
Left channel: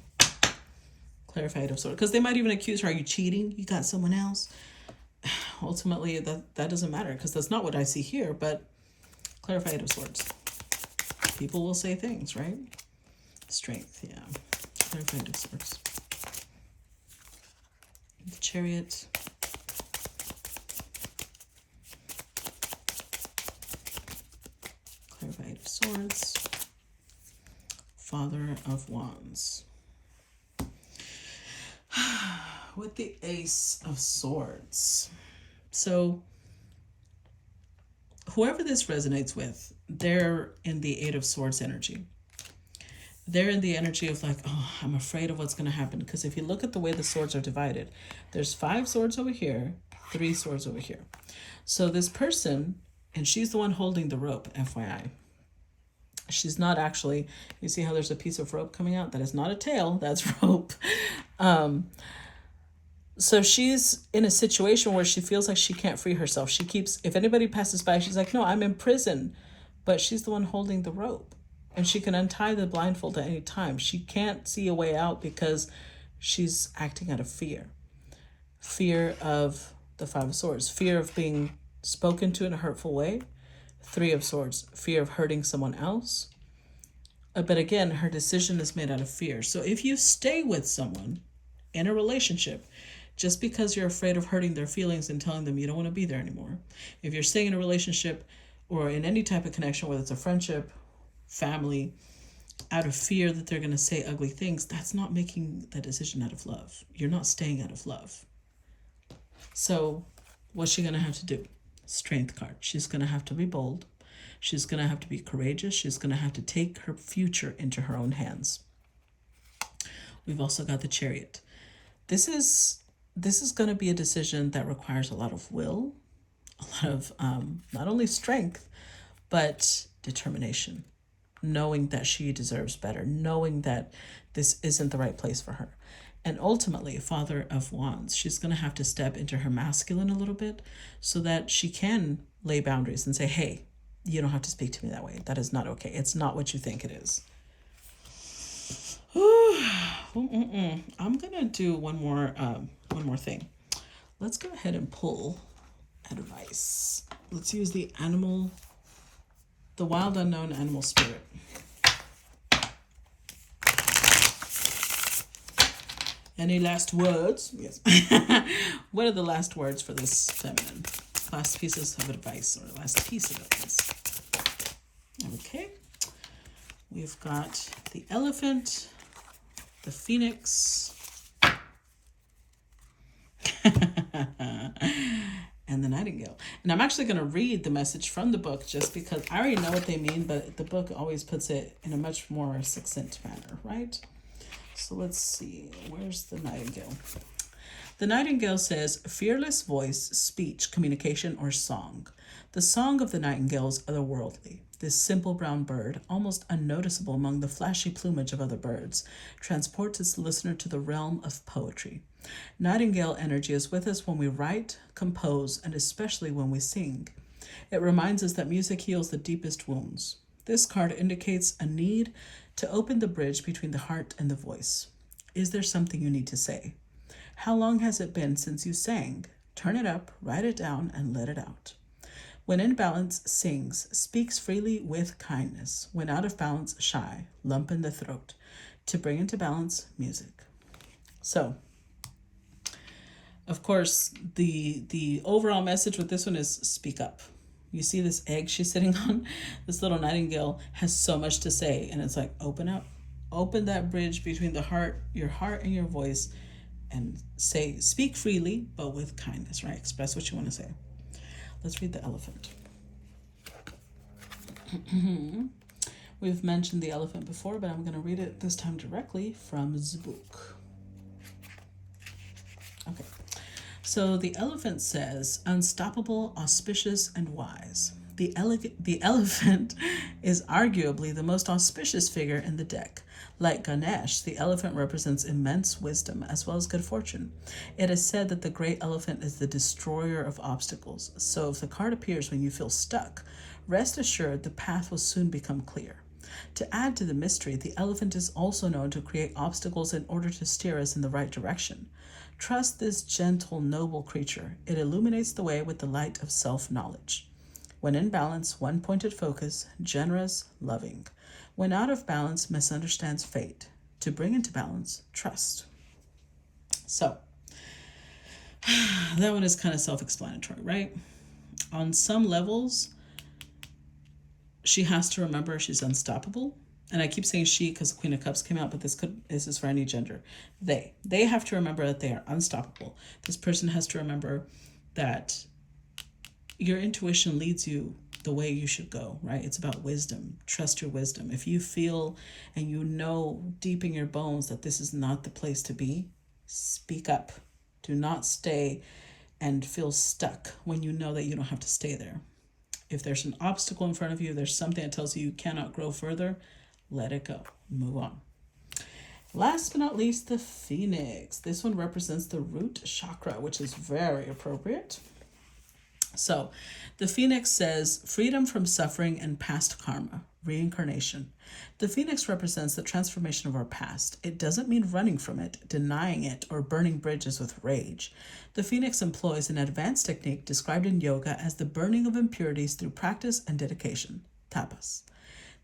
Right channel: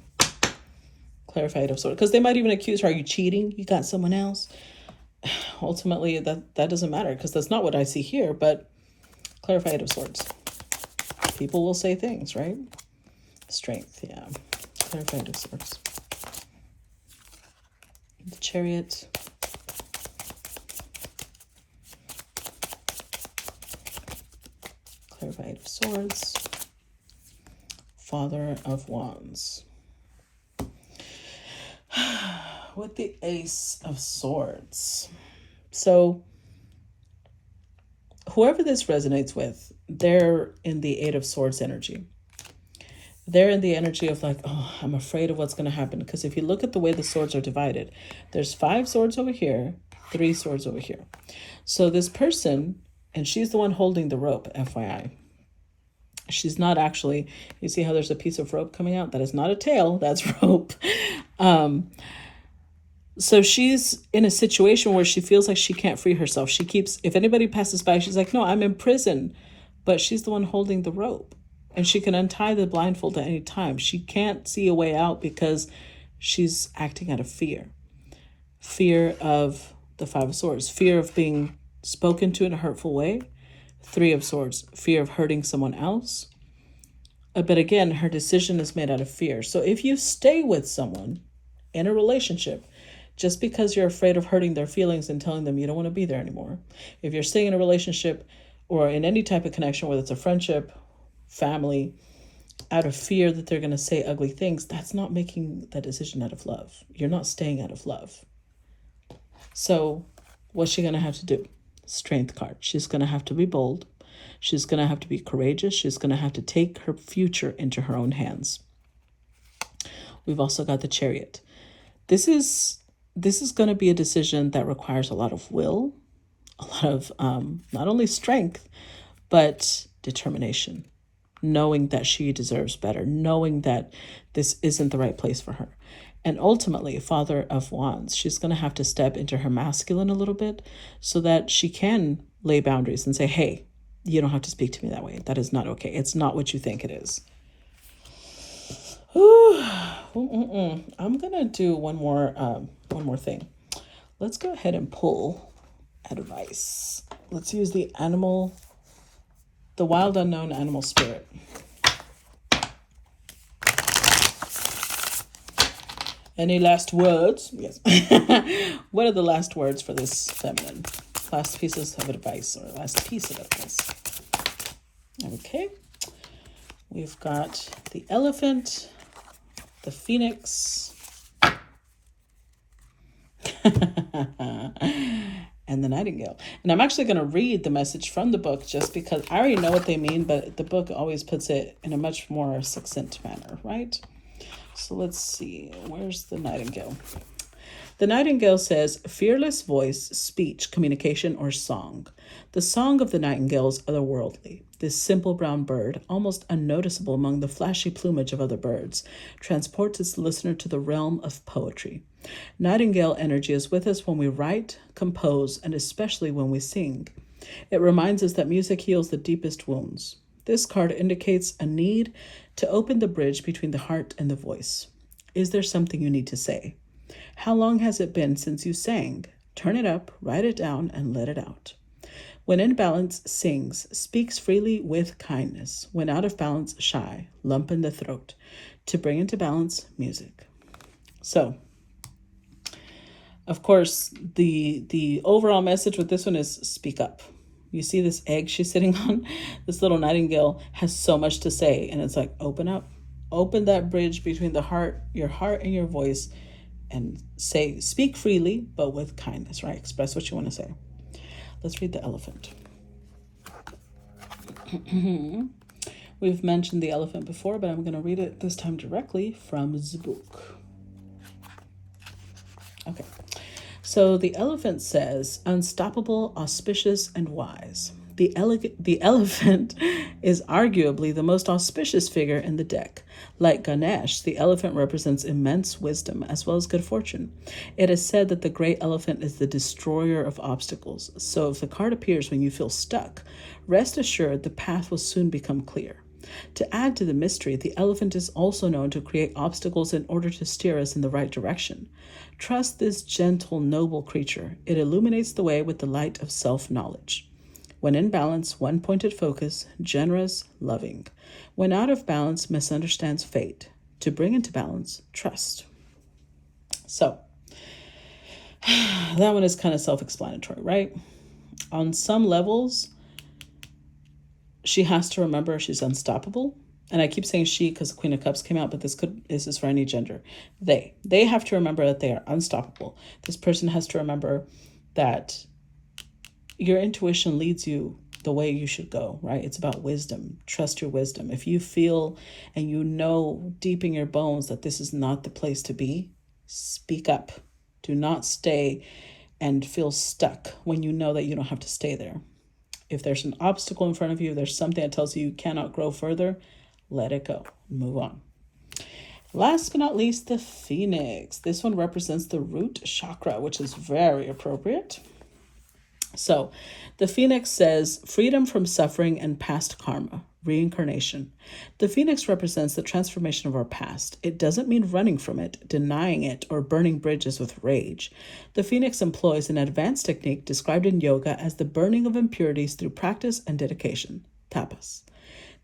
Clarify Eight of Swords. Because they might even accuse her, are you cheating? You got someone else? Ultimately, that doesn't matter because that's not what I see here. But clarify Eight of Swords. People will say things, right? Strength, yeah. Clarify Eight of Swords. The Chariot. Clarify Eight of Swords. Father of Wands. With the Ace of Swords. So whoever this resonates with, they're in the Eight of Swords energy. They're in the energy of like, oh, I'm afraid of what's going to happen. Because if you look at the way the swords are divided, there's 5 swords over here, 3 swords over here. So this person, and she's the one holding the rope, FYI. She's not actually, you see how there's a piece of rope coming out? That is not a tail, that's rope. So she's in a situation where she feels like she can't free herself. She keeps, if anybody passes by, she's like, no, I'm in prison. But she's the one holding the rope. And she can untie the blindfold at any time. She can't see a way out because she's acting out of fear. Fear of the 5 of Swords. Fear of being spoken to in a hurtful way. 3 of Swords. Fear of hurting someone else. But again, her decision is made out of fear. So if you stay with someone in a relationship, just because you're afraid of hurting their feelings and telling them you don't want to be there anymore. If you're staying in a relationship or in any type of connection, whether it's a friendship, family, out of fear that they're going to say ugly things, that's not making that decision out of love. You're not staying out of love. So what's she going to have to do? Strength card. She's going to have to be bold. She's going to have to be courageous. She's going to have to take her future into her own hands. We've also got the Chariot. This is going to be a decision that requires a lot of will, a lot of not only strength, but determination, knowing that she deserves better, knowing that this isn't the right place for her. And ultimately, Father of Wands, she's going to have to step into her masculine a little bit so that she can lay boundaries and say, hey, you don't have to speak to me that way. That is not okay. It's not what you think it is. I'm going to do one more thing. Let's go ahead and pull advice. Let's use the wild unknown animal spirit. Any last words? Yes. What are the last words for this feminine? Last pieces of advice, or last piece of advice. Okay. We've got the elephant, the phoenix, and the nightingale. And I'm actually going to read the message from the book just because I already know what they mean, but the book always puts it in a much more succinct manner, right? So let's see, where's the nightingale? The nightingale says, fearless voice, speech, communication, or song. The song of the nightingale is otherworldly. This simple brown bird, almost unnoticeable among the flashy plumage of other birds, transports its listener to the realm of poetry. Nightingale energy is with us when we write, compose, and especially when we sing. It reminds us that music heals the deepest wounds. This card indicates a need to open the bridge between the heart and the voice. Is there something you need to say? How long has it been since you sang? Turn it up, write it down, and let it out. When in balance, sings, speaks freely with kindness. When out of balance, shy, lump in the throat. To bring into balance, music. So, of course, the overall message with this one is speak up. You see this egg she's sitting on? This little nightingale has so much to say. And it's like, open up. Open that bridge between the heart and your voice. And speak freely, but with kindness, right? Express what you want to say. Let's read the elephant. We've mentioned the elephant before, but I'm going to read it this time directly from the book. Okay. So the elephant says, unstoppable, auspicious, and wise. The elephant is arguably the most auspicious figure in the deck. Like Ganesh, the elephant represents immense wisdom as well as good fortune. It is said that the great elephant is the destroyer of obstacles. So if the card appears when you feel stuck, rest assured the path will soon become clear. To add to the mystery, the elephant is also known to create obstacles in order to steer us in the right direction. Trust this gentle, noble creature. It illuminates the way with the light of self-knowledge. When in balance, one-pointed focus, generous, loving. When out of balance, misunderstands fate. To bring into balance, trust. So, that one is kind of self-explanatory, right? On some levels, she has to remember she's unstoppable. And I keep saying she because the Queen of Cups came out, but this is for any gender. They have to remember that they are unstoppable. This person has to remember that your intuition leads you the way you should go, right? It's about wisdom. Trust your wisdom. If you feel and you know deep in your bones that this is not the place to be, speak up. Do not stay and feel stuck when you know that you don't have to stay there. If there's an obstacle in front of you, there's something that tells you cannot grow further, let it go. Move on. Last but not least, the Phoenix. This one represents the root chakra, which is very appropriate. So the Phoenix says freedom from suffering and past karma, reincarnation. The Phoenix represents the transformation of our past. It doesn't mean running from it, denying it, or burning bridges with rage. The Phoenix employs an advanced technique described in yoga as the burning of impurities through practice and dedication, tapas.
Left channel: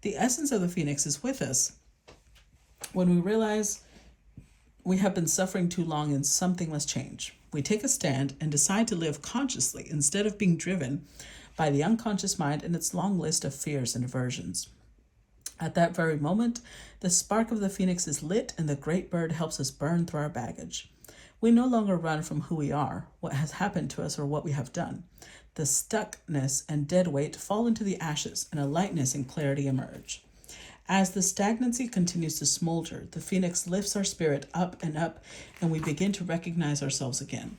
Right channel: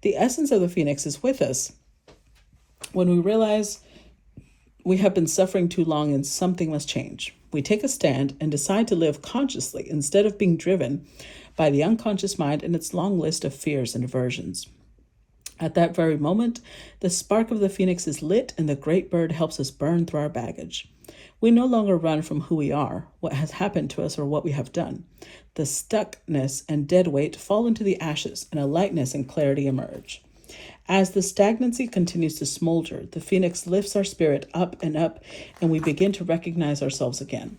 The essence of the Phoenix is with us when we realize we have been suffering too long and something must change. We take a stand and decide to live consciously instead of being driven by the unconscious mind and its long list of fears and aversions. At that very moment, the spark of the Phoenix is lit and the great bird helps us burn through our baggage. We no longer run from who we are, what has happened to us, or what we have done. The stuckness and dead weight fall into the ashes and a lightness and clarity emerge. As the stagnancy continues to smolder, the Phoenix lifts our spirit up, and we begin to recognize ourselves again.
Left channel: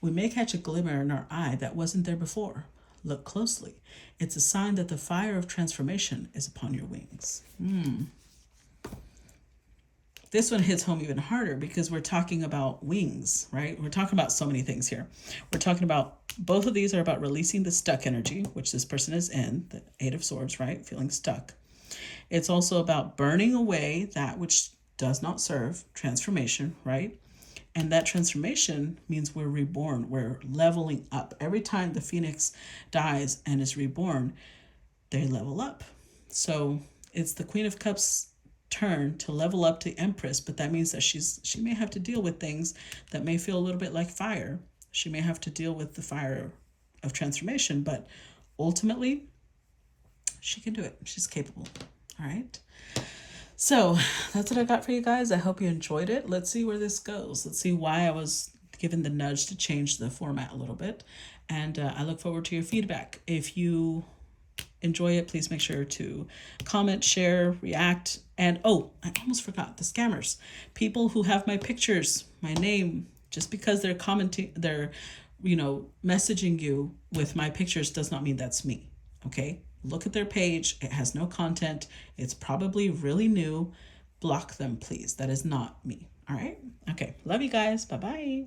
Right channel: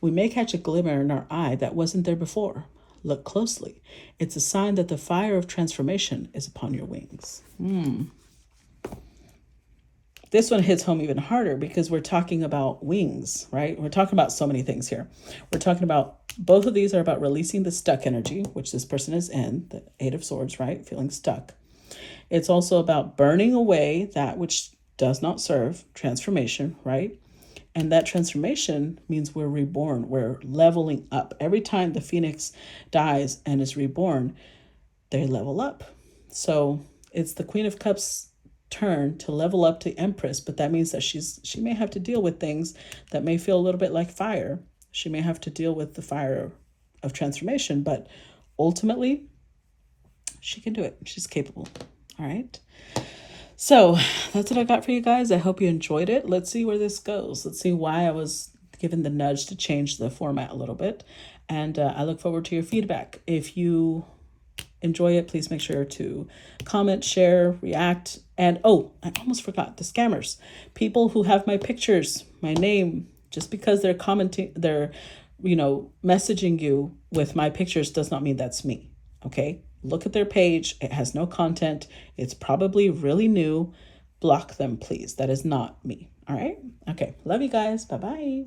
We may catch a glimmer in our eye that wasn't there before. Look closely. It's a sign that the fire of transformation is upon your wings. This one hits home even harder because we're talking about wings, right? We're talking about so many things here. We're talking about, both of these are about releasing the stuck energy, which this person is in, the Eight of Swords, right? Feeling stuck. It's also about burning away that which does not serve, transformation, right? And that transformation means we're reborn. We're leveling up. Every time the Phoenix dies and is reborn, they level up. So it's the Queen of Cups' turn to level up to Empress, but that means that she may have to deal with things that may feel a little bit like fire. She may have to deal with the fire of transformation, but ultimately, she can do it. She's capable. All right. So that's what I got for you guys. I hope you enjoyed it. Let's see where this goes. Let's see why I was given the nudge to change the format a little bit. And I look forward to your feedback. If you enjoy it, please make sure to comment, share, react. And oh, I almost forgot the scammers. People who have my pictures, my name, just because they're commenting, they're, messaging you with my pictures does not mean that's me. Okay. Look at their page. It has no content. It's probably really new. Block them, please. That is not me. All right. Okay. Love you guys. Bye-bye.